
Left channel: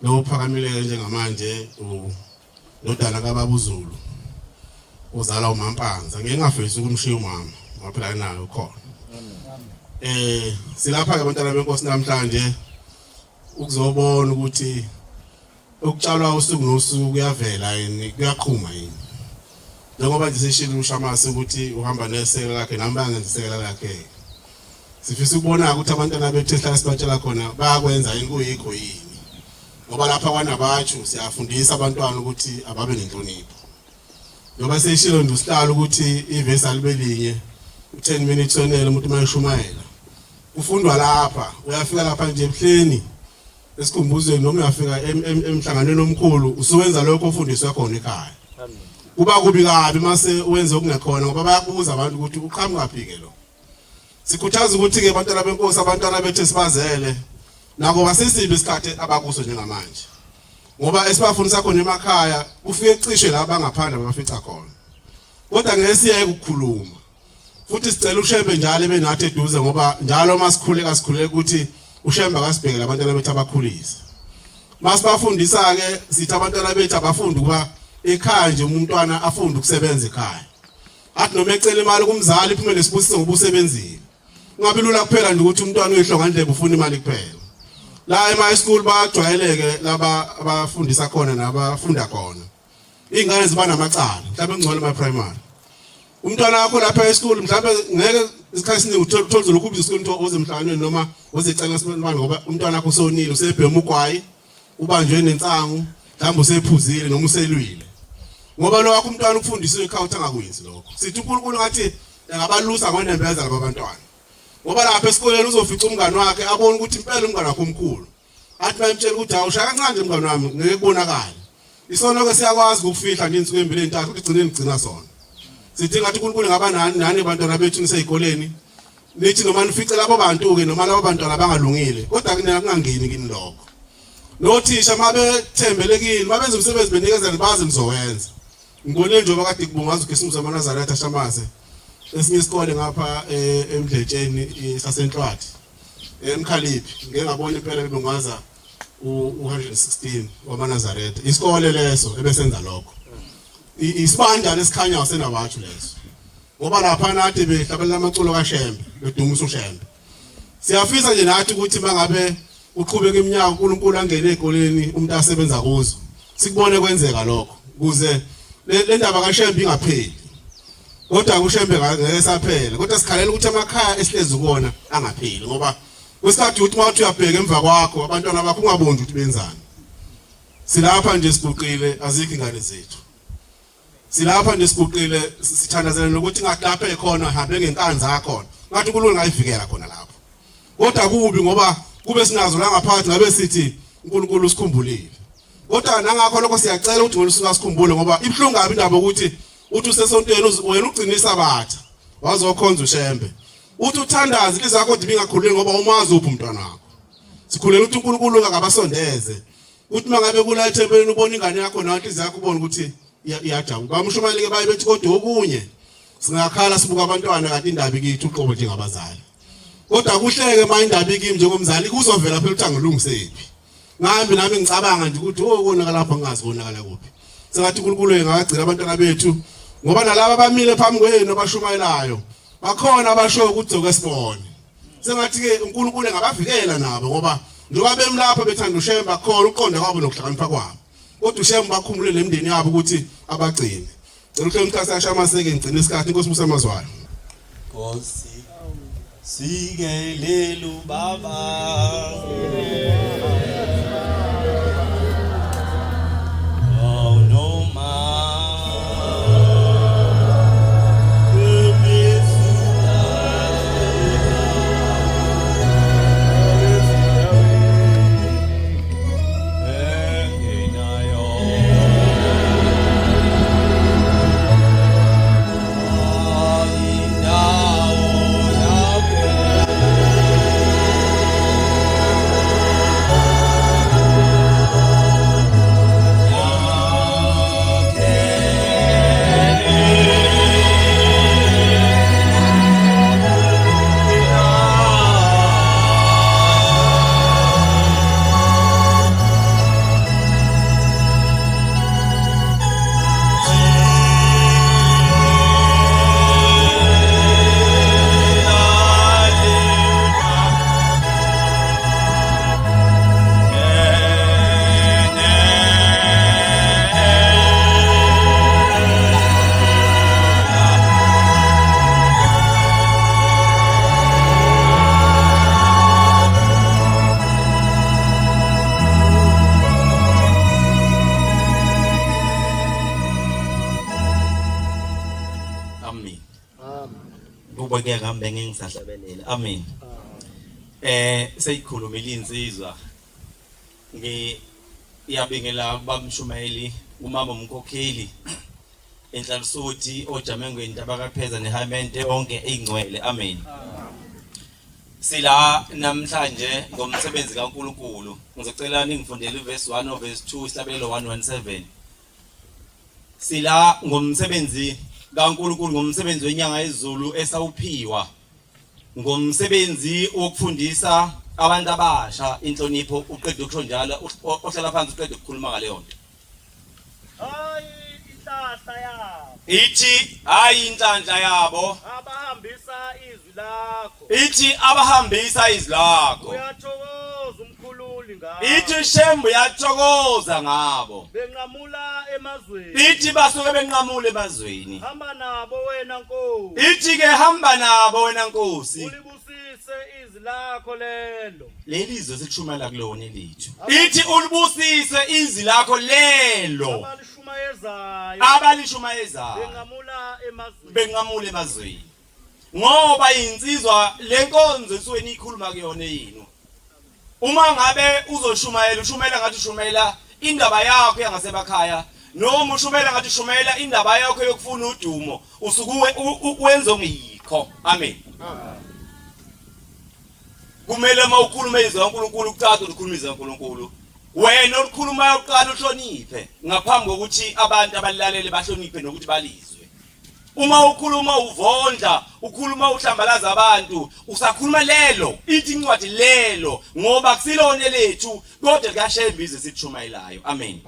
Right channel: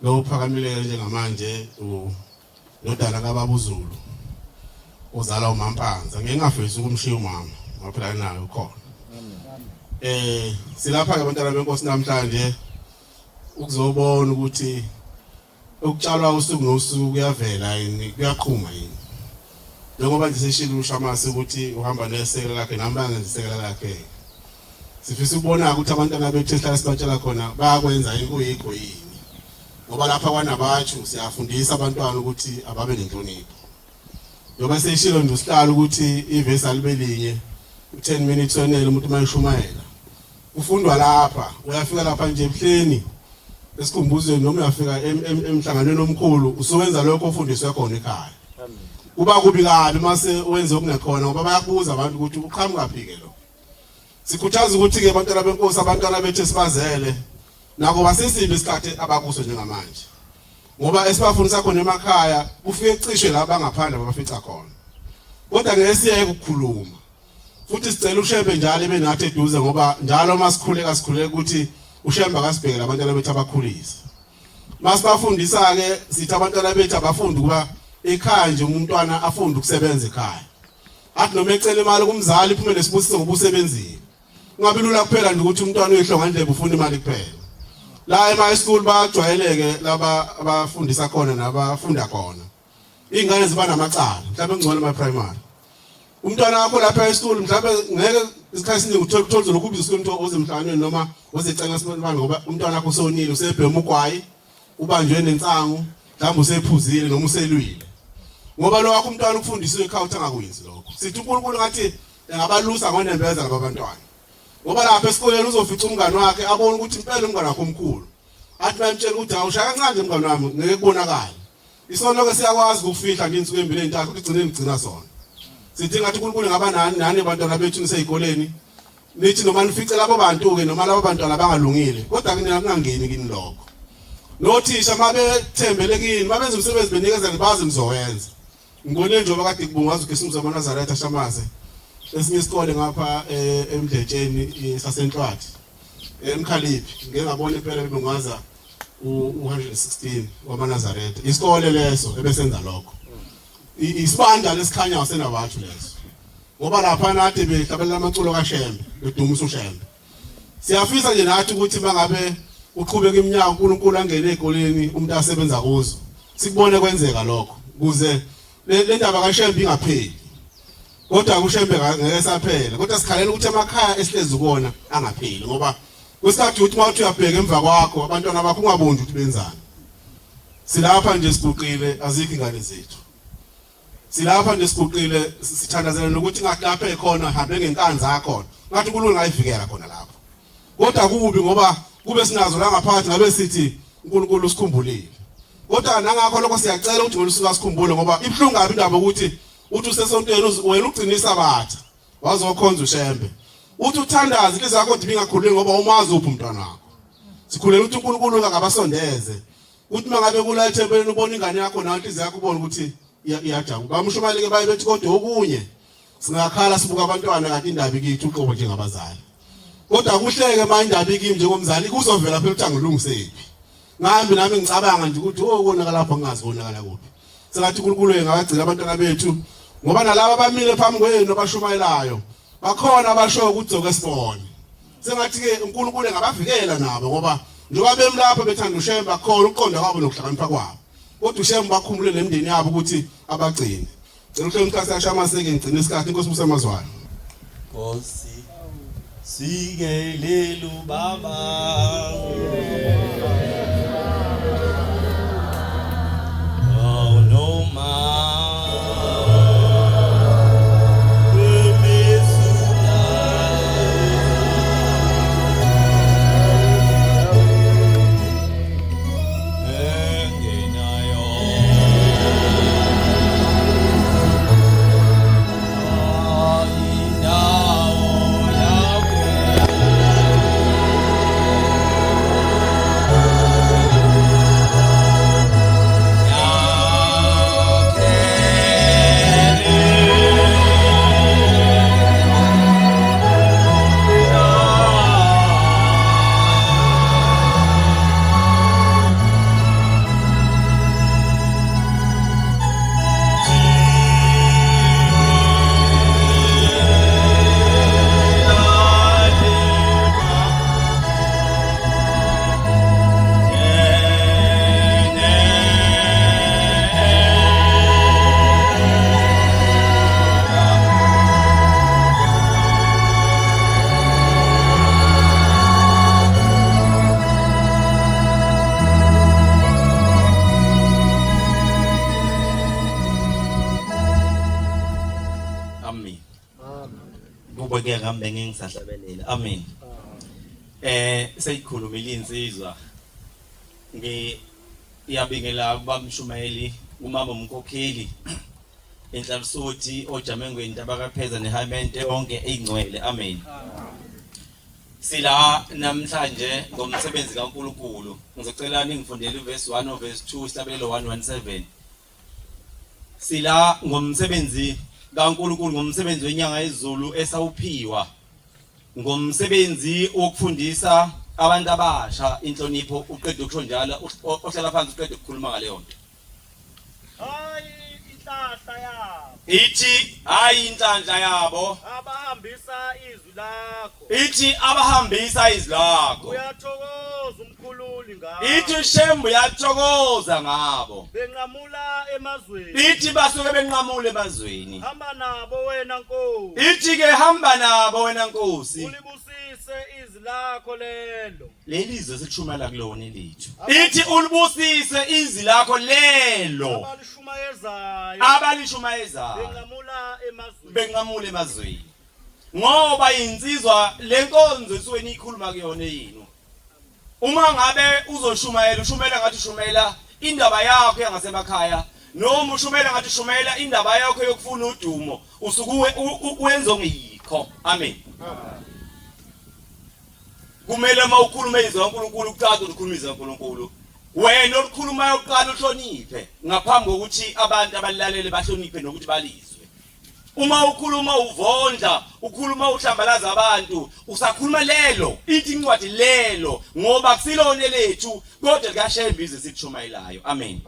Lo phakamile njengamanje udala kaBaba uZulu uzala uMampanza ngingafisi ukumshiya umama ngaphela nayo khona. Silapha ke bantwana benkosi namhlanje ukuzobona ukuthi ukutshalwa usuku nosuku kuyavela yini kuyaqhuma yini. Njengoba nje seshilo uShamasi ukuthi uhamba nesekela lakhe nami ngisekela lakhe. Sifisa ukubona ukuthi abantwana bethu esihlala sibatshela khona bayakwenza inkuyikho yini. Ngoba lapha kwanabatshu siyafundisa abantwana ukuthi ababe nenhlonipho. Njengoba seshilo ndosihlala ukuthi ivesi alibelinye u10 minutes wenele umuntu mayishumayela. Ufundwa lapha uyafika lapha nje ebuhleni esikhumbuzweni noma uyafika emhlanganweni omkhulu usuwenza lokho ufundiswe khona ekhaya. Kuba kubi kabi mase wenza okungekhona ngoba bayabuza abantu ukuthi uqhamuka phi ke lo. Sikhuthaza ukuthi ke abantwana benkosi abantwana bethu sibazele nako basisibe isikhathi abakuso njengamanje. Ngoba esibafundisa khona emakhaya ufike cishe la bangaphandle bafica khona. Kodwa ngeke siye ukukhuluma. Futhi sicela uShembe njalo ibe nathi eduze ngoba njalo masikhuleka ukuthi uShembe akasibhekela abantwana bethu abakhulisa. Masibafundisa ke sithi abantwana bethu abafundi kuba ekhaya nje umntwana afunda ukusebenza ekhaya. Athi noma ecela imali kumzali iphumele sibusiso ngobusebenzini. Kungabi lula kuphela nje ukuthi umntwana uyihlonga ndlebe ufuna imali kuphela. La ema school bajwayeleke laba abafundisa khona nabafunda khona. Ingane ziba namacala mhlawumbe engcwele ema primary. Umntwana wakho lapha e-school mhlawumbe ngeke isikhathi esiningi uthola lokubizwa isikole ozemhlanganweni noma ozecela isibani ngoba umntwana wakho usonile usebhema ugwayi ubanjwe nensangu mhlawumbe usephuzile noma uselwile. Ngoba lo wakho umntwana ukufundiswa ekhaya angakwenzi lokho. Sithi uNkulunkulu ngathi engabalusa ngonembeza labantwana. Ngoba lapha esikoleni uzofica umngane wakhe abone ukuthi impela umngane wakho omkhulu. Athi bayamtshela ukuthi awushaya kancane umngane wami ngeke kubonakala. Isono ke siyakwazi ukufihla ngensuku embili entathu kugcine ngigcina sona. Sithi ngathi uNkulunkulu ngaba nani abantwana bethu niseyikoleni. Nithi noma nifice labo bantu ke noma labo bantwana abangalungile. Kodwa kungangeni kini lokho. Nothisha mabethembele kini mabenza umsebenzi benikeza libazi nizowenza. Ngibone nje obakade kubungaza uGesu Nazareth Shamaze. Esinye isikole ngapha eMdletsheni sasenhlwathi. Emkhaliphi ngeke ngabona impela kubungaza u116 wamaNazaretha. Isikole leso ebesenza lokho. Isibanda lesikhanya wasenabathu leso. Ngoba lapha nathi behlabelela amaculo kaShembe, bedumisa uShembe. Siyafisa nje nathi ukuthi mangabe uqhubeka iminyaka uNkulunkulu angene ezikoleni umuntu asebenza kuzo. Sikubone kwenzeka lokho. Kuze le ndaba kaShembe ingapheli. Kodwa uShembe ngeke saphela. Kodwa sikhalela ukuthi amakhaya esihlezi kuona angapheli ngoba kwesikhathi uthi mawuthi uyabheka emva kwakho abantwana bakho ungabonzi ukuthi benzani. Silapha nje siguqile azikho ingane zethu. silapha nje siguqile sithandazela ukuthi ngathi lapha ekhona hambe ngenkani zakho ngathi uNkulunkulu ngayivikela khona lapho kodwa kubi ngoba kube sinazo la ngaphansi ngabe sithi uNkulunkulu usikhumbulile kodwa nangakho lokho siyacela ukuthi ngolusuku asikhumbule ngoba ibhlungu kabi indaba ukuthi uthi usesontweni wena ugcinisa abatha wazokhonza ushembe uthi uthandaze lizakho dibi ngakhululi ngoba umazi uphi umntwana wakho sikhulela ukuthi uNkulunkulu akabasondeze uthi mangabe kula ethempelini ubona ingane yakho nawe inhliziyo yakho ubone ukuthi iyajabula bamshumayeleke baye bethi kodwa okunye singakhala sibuka abantwana kanti indaba ikithi uqobo njengabazali kodwa kuhleke manje indaba ikimi njengomzali kuzovela phela ukuthi angilungisephi ngambi nami ngicabanga nje ukuthi konakala lapha ngazi konakala kuphi sengathi uNkulunkulu engagcina abantwana bethu ngoba nalabo abamile phambi kwenu abashumayelayo bakhona abasho ukuthi zoke sibone sengathi ke uNkulunkulu engabavikela nabo ngoba njengoba bemlapha bethanda ushembe bakhona uqonda kwabo nokuhlakanipha kwabo kodwa ushembe bakhumule nemndeni yabo ukuthi abagcine ngicela ukuthi umthasa ashamaseke ngicine isikhathi inkosi Musa Mazwane Nkosi sikelelu baba Kubeke ngambe ngingisahlabelele amen seyikhulumile insizwa ngiyabingela kubamshumayeli umama umkhokheli enhlalisuthi ojamengweni tabakapheza nehamente onke eyingcwele amen sila namhlanje ngomsebenzi kaNkulunkulu ngizocela ningifundele verse 1 verse 2 isihlabelelo 117 sila ngomsebenzi kaNkulunkulu ngomsebenzi wenyanga yezulu esawuphiwa ngomsebenzi wokufundisa abantu abasha inhlonipho uqedwe kusho njalo ohlala phansi uqedwe ukukhuluma ngale yonto hayi inhlanhla yabo ithi hayi inhlanhla yabo abahambisa izwi lakho ithi abahambisa izwi lakho uyathokoza umkhululi ngabo ithi shembu yathokoza ngabo benqamula emazweni ithi basuke benqamule emazweni hamba nabo wena Nkosi ithi ke hamba nabo wena Nkosi ulibusise izwi lakho lelo lelizwe sikushumela kulona elithu ithi ulibusise izwi lakho lelo abalishumayezayo benqamule emazweni ngoba insizwa lenkonzo esuke nikhuluma kuyona yini uma ngabe uzoshumayela ushumela ngathi ushumela indaba yakho yangasebakhaya noma ushumela ngathi ushumela indaba yakho yokufuna udumo usuke wenza ngiyikho amen kumele mawukhuluma izwi kaNkulunkulu uqala ukukhuluma izwi kaNkulunkulu wena okhuluma uqala uhloniphe ngaphambi kokuthi abantu abalilalele bahloniphe nokuthi balizwe uma ukhuluma uvondla ukhuluma uhlambalaza abantu usakhuluma lelo ithi incwadi lelo ngoba kusilone lethu kodwa likaShembe ize sithumayelayo amen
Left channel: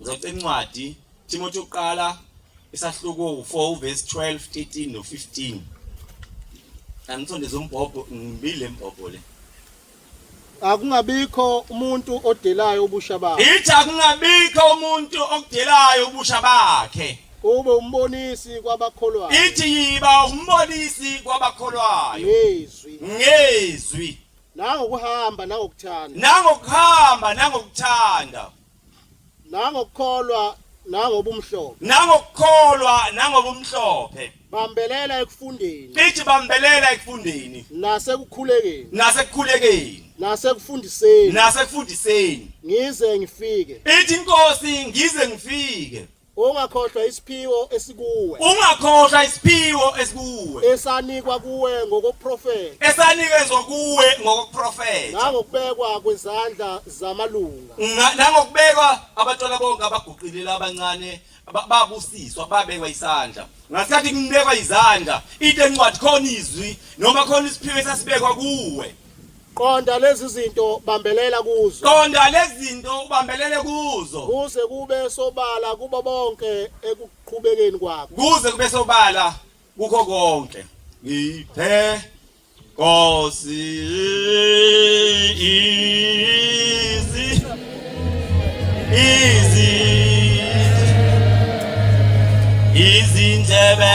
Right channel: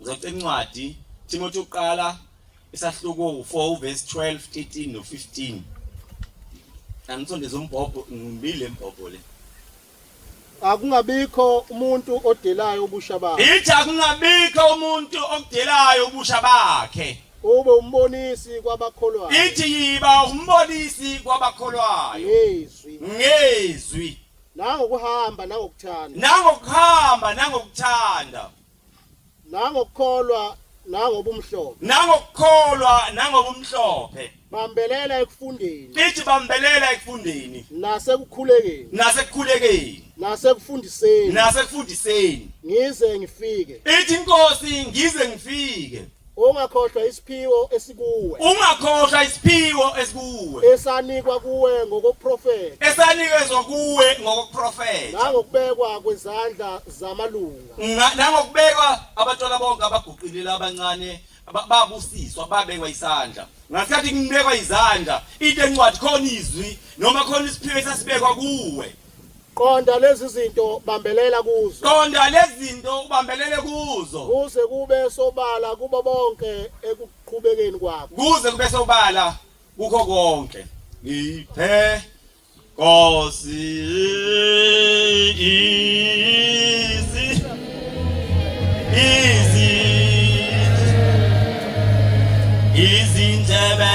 uzocela incwadi Timothi uqala isahluko 4 verse 12 13 no 15 angithondeza umbhobho ngibile imbhobho le akungabikho umuntu odelayo ubusha bakhe ithi akungabikho umuntu okudelayo ubusha bakhe ube umbonisi kwabakholwayo ithi yiba umbonisi kwabakholwayo ngezwi nangokuhamba nangokuthanda nangokuhamba nangokuthanda nangokukholwa nangobumhlophe nangokukholwa nangobumhlophe bambelela ekufundeni lithi bambelela ekufundeni nasekukhulekeni nasekufundiseni ngize ngifike ithi inkosi ngize ngifike ungakhohlwa isiphiwo esikuwe esanikwa kuwe esanikezwa kuwe ngokuprofeta nangokubekwa kwezandla zamalunga nangokubekwa abantwana bonke abaguqilela abancane babusiswa babekwa isandla ngasikhathi kunibekwa izandla into encwadi khona izwi noma khona isiphiwo esasibekwa kuwe qonda lezi zinto ubambelele kuzo kuze kube sobala kubo bonke ekuqhubekeni kwakho kukho konke ngiphe Nkosi izindlebe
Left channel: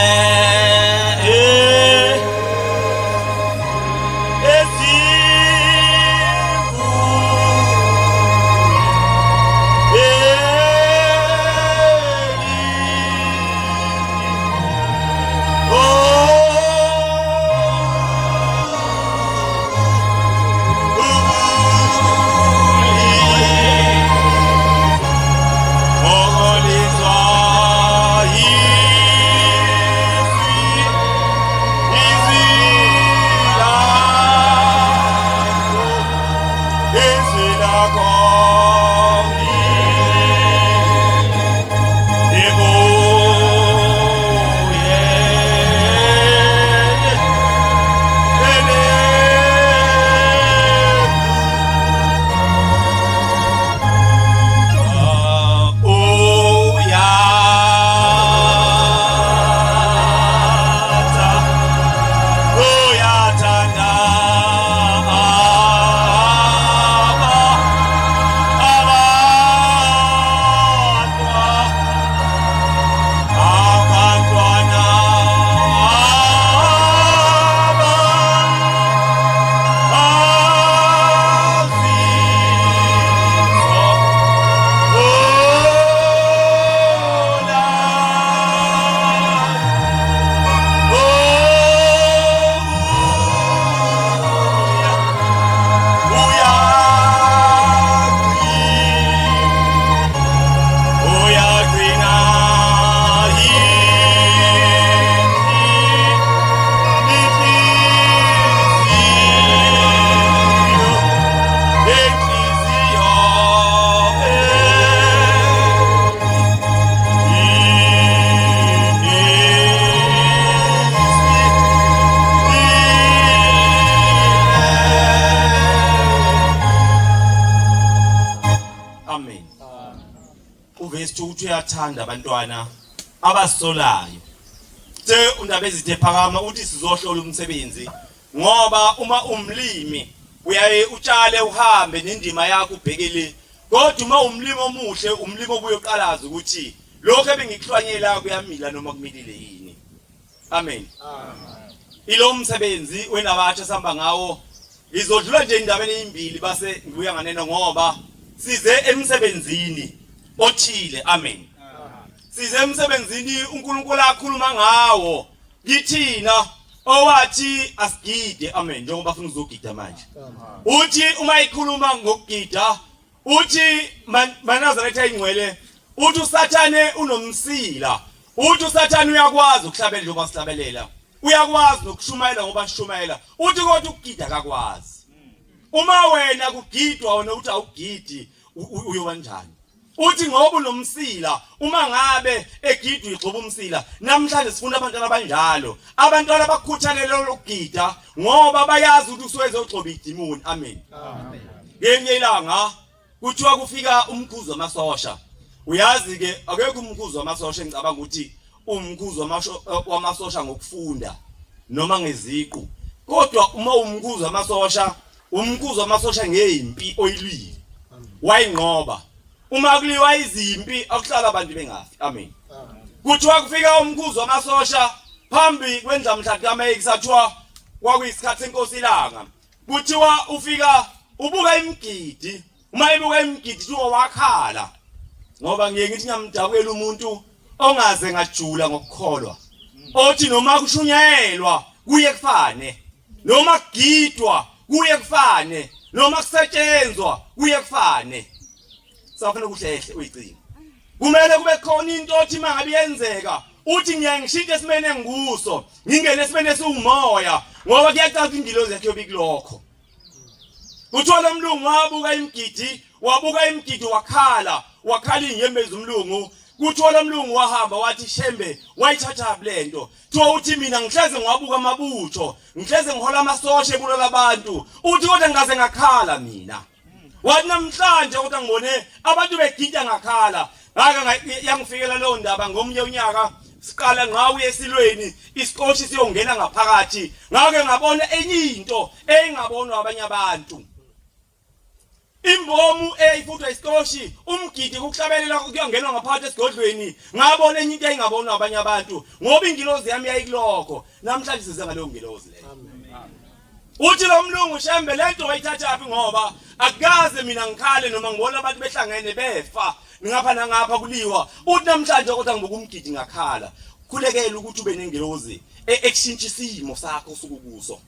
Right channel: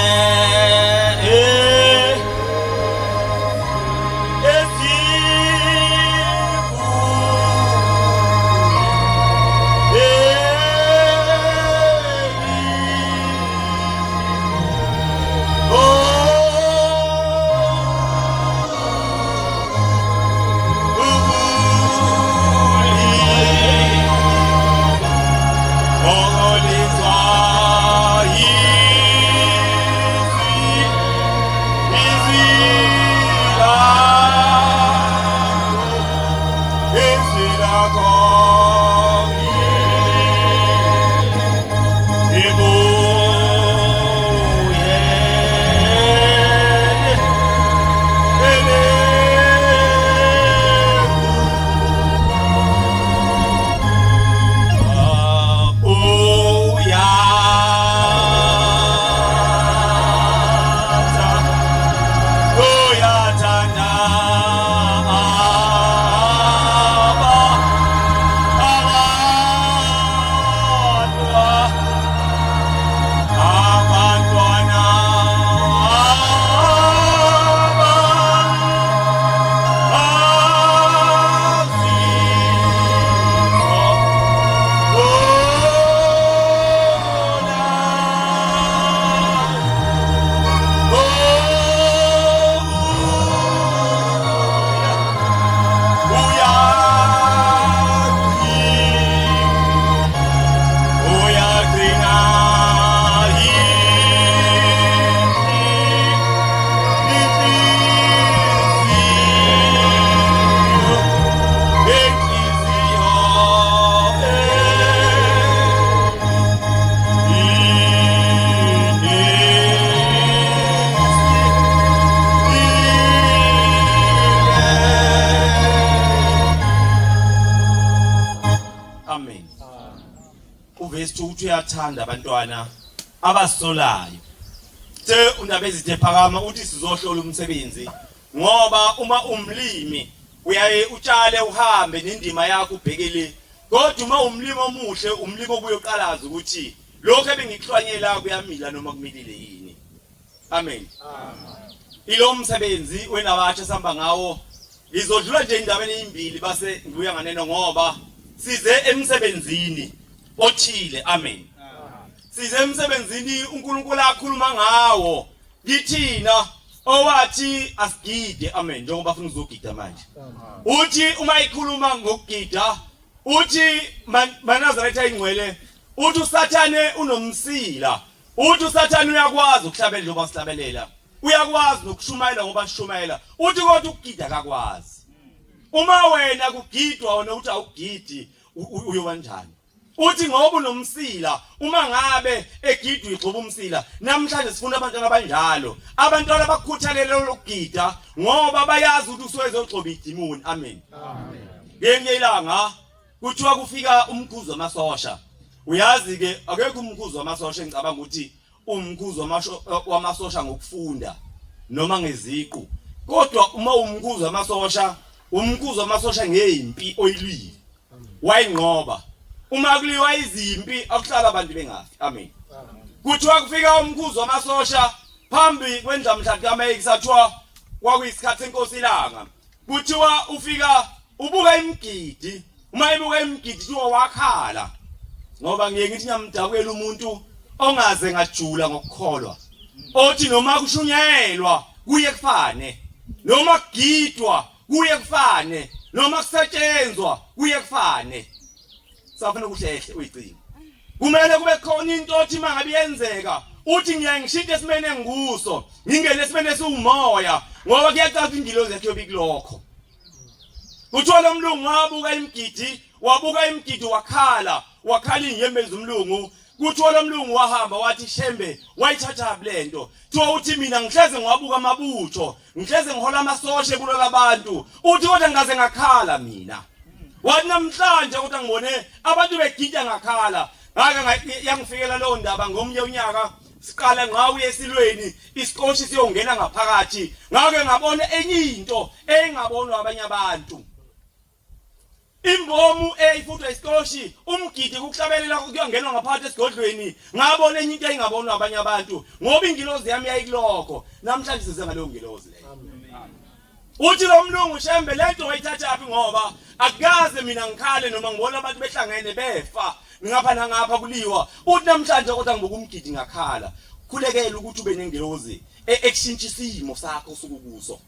uyathanda abantwana abasolayo undaba ezithe phakama uthi sizohlola umsebenzi ngoba uma umlimi uyaye utshale uhambe nendima yakho ubhekele kodwa uma umlimi omuhle umlimi obuyoqalaza ukuthi lokho ebengikuhlwanyela kuyamila noma kumilile yini amen ilo umsebenzi wena abatsha sihamba ngawo ngizodlula nje indabeni ezimbili base ngibuya nganeno ngoba size emsebenzini othile amen size emsebenzini uNkulunkulu akhuluma ngawo ngithina owathi asigide amen njengoba ufuna uzogida manje uthi uma ikhuluma ngokugida uthi manazaretha ingcwele uthi usathane unomsila uthi usathane uyakwazi ukuhlabela njengoba sihlabelela uyakwazi nokushumayela ngoba sishumayela uthi kodwa ukugida akakwazi uma wena kugidwa wena uthi awugidi uyoba njani uthi ngoba unomsila uma ngabe egidwa igcoba umsila namhlanje sifuna abantwana abanjalo abantwana abakhuthalele lokugida ngoba bayazi ukuthi usuweze ugcoba idimoni amen ngenye ilanga kuthiwa kufika umkhuzo wamasosha uyazi ke akekho umkhuzo wamasosha engicabanga ukuthi umkhuzo wamasosha ngokufunda noma ngeziqu kodwa uma umkhuzo wamasosha ngeimpi oyilwile wayinqoba uma kuliwa izimpi akuhlala abantu bengafi amen kuthiwa kufika umkhuzo wamasosha phambi kwendlamhla kaMeyi sathiwa kwakuyisikhathi senkosi ilanga kuthiwa ufika ubuka imgidi uma ebuka imgidi wakhala ngoba ngiye ngithi ngiyamdabukela umuntu ongaze ngajula ngokukholwa othi noma kushunyayelwa kuye kufane noma kugidwa kuye kufane noma kusetshenzwa kuye kufane safuna ukuhlehle uyigcina kumele kube khona into othi mangabe yenzeka uthi ngiyangishintsha esimene nguso ngingene esimene siwumoya ngoba kuyacaca ingilozi yakhe yobikulokho uthola umlungu wabuka imgidi wakhala inyembezi umlungu kuthola umlungu wahamba wathi Shembe wayithatha lento thiwa uthi mina ngihleze ngiwabuka amabutho ngihleze ngihola amasosha ebulala abantu uthi kodwa ngaze ngakhala mina wathi namhlanje kodwa ngibone abantu begida ngakhala ngaka yangifikela lo ndaba ngomnye unyaka siqala ngawe esilweni isikhoshi siyongena ngaphakathi ngake ngabona enye into engabonwa abanye abantu imbomu eyifuthwa isikhoshi umgidi ukuhlabelela kuyongenwa ngaphakathi esigodlweni ngabona enye into engabonwa abanye abantu ngoba ingilozi yami yayikulokho namhlanje size ngaleyo ngilozi leyo uthi lo mlungu Shembe lento wayithatha ngoba akukaze mina ngikhale noma ngibona abantu behlangene befa ngapha nangapha kuliwa uthi namhlanje kodwa ngibuka umgidi ngakhala khulekela ukuthi ube nengilozi ekushintsha isimo sakho sokukuso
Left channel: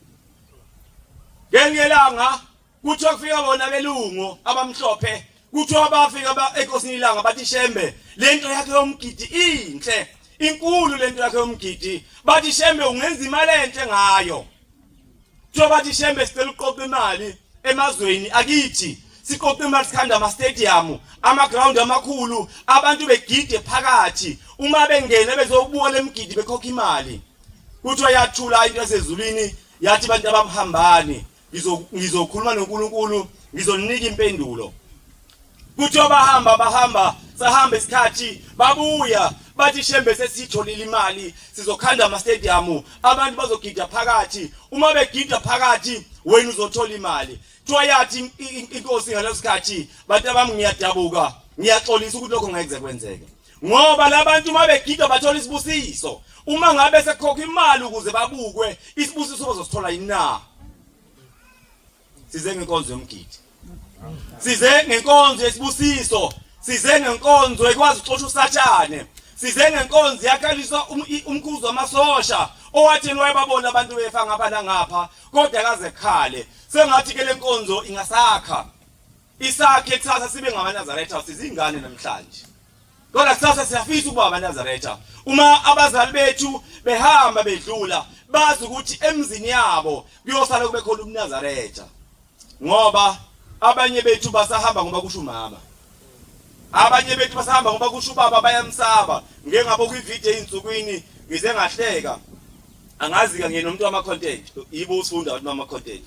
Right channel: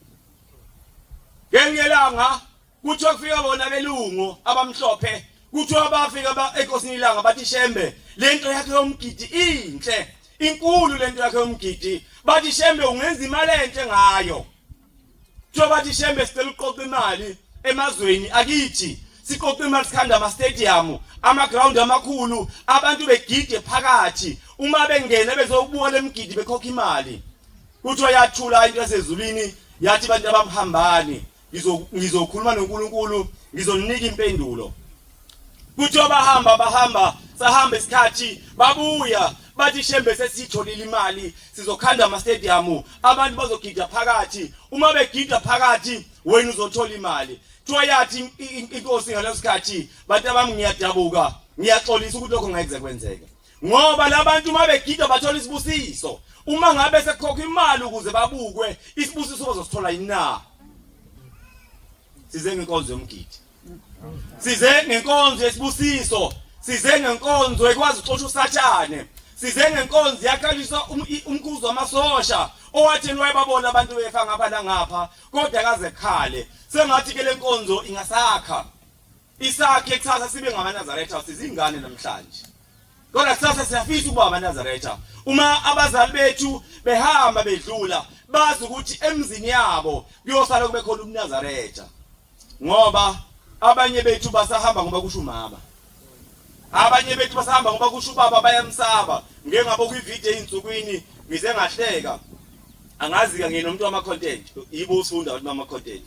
ngengelanga kuthi wakufika bona belungu abamhlophe kuthi abafika enkosini ilanga bathi Shembe lento yakhe yomgidi inhle inkulu lento yakhe yomgidi bathi Shembe ungenza imali enhle ngayo bathi Shembe sicela uqoqa imali emazweni akithi siqoqa imali sikhanda ama stadium ama ground amakhulu abantu begide phakathi uma bengene bezokubuka lemgidi bekhokha imali kuthi yathula into yasezulwini yathi abantu abamhambani ngizokhuluma noNkulunkulu ngizoninika impendulo kuthi bahamba sahamba isikhathi babuya bathi Shembe sesitholile imali sizokhanda ama stadium abantu bazogida phakathi uma begida phakathi wena uzothola imali thiwa yathi inkosi ngaleso sikhathi bantu abami ngiyadabuka ngiyaxolisa ukuthi lokho ngeke kwenzeke ngoba labantu uma begida bathola isibusiso uma ngabe sekhokha imali ukuze babukwe isibusiso bazosithola yina size ngenkonzo yomgidi size ngenkonzo yesibusiso size ngenkonzo ekwazi uxoxa usathane size ngenkonzo yakhalisa umkhuzo wamasosha owathi wayebabona abantu befa ngapha nangapha kodwa akaze khale sengathi ke lenkonzo ingasakha isakhe kusasa sibe ngamaNazaretha sizingane namhlanje kodwa kusasa siyafisa ukuba ngamaNazaretha uma abazali bethu behamba bedlula bazi ukuthi emzini yabo kuyosala kube khona umNazaretha ngoba abanye bethu basahamba ngoba kusho umama abanye bethu basahamba ngoba kusho ubaba bayamsaba ngeke ngabo kwivideo einsukwini ngize ngahleka angazi ke ngenomuntu wama content yibo usifunda ukuthi mama content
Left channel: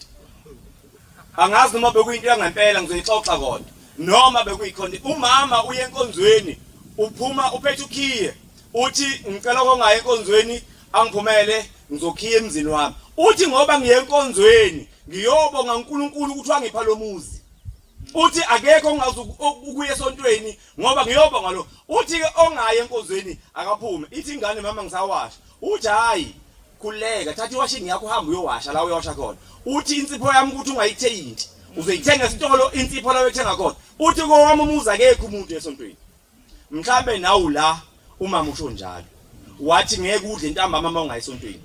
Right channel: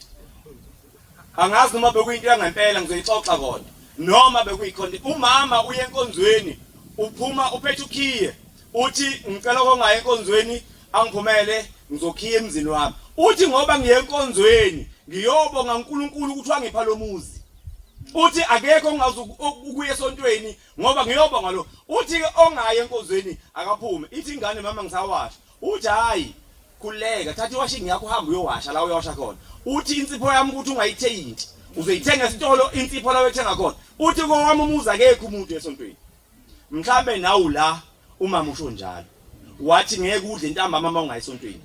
angazi noma bekuyinto yangempela ngizoyixoxa kodwa noma bekuyicontent umama uye enkonzweni uphuma uphethe ukhiye uthi ngicela kongaye enkonzweni angiphumele ngizokhiya emzini wami uthi ngoba ngiye enkonzweni ngiyobonga uNkulunkulu ukuthi wangipha lo muzi uthi akekho ongazi ukuya esontweni ngoba ngiyobonga lo uthi ke ongaye enkonzweni akaphume ithi ingane mama ngisawasha uthi hayi khuleka thatha iwashing yakho uhamba uyowasha la uyowasha khona uthi insipho yami ukuthi ungayithengi uzoyithenga esitolo insipho la uyethenga khona uthi kowami umuzi akekho umuntu esontweni mhlambe nawu la umama usho njalo wathi ngeke udle intambama uma ungayisontweni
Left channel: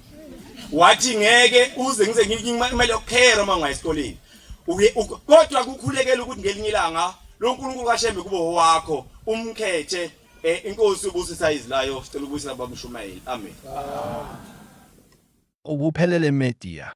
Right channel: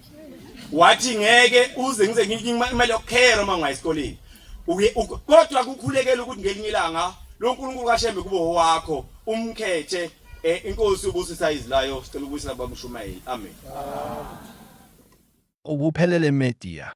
wathi ngeke uze ngize nginike imali yokukhera uma ungayisikoleni kodwa kukhulekela ukuthi ngelinye ilanga lo nkulunkulu kaShembe kube owakho umkhethe inkosi ubusisa izilayo sicela ukubuyisela baba Mshumayeli amen Ubuphelele Media.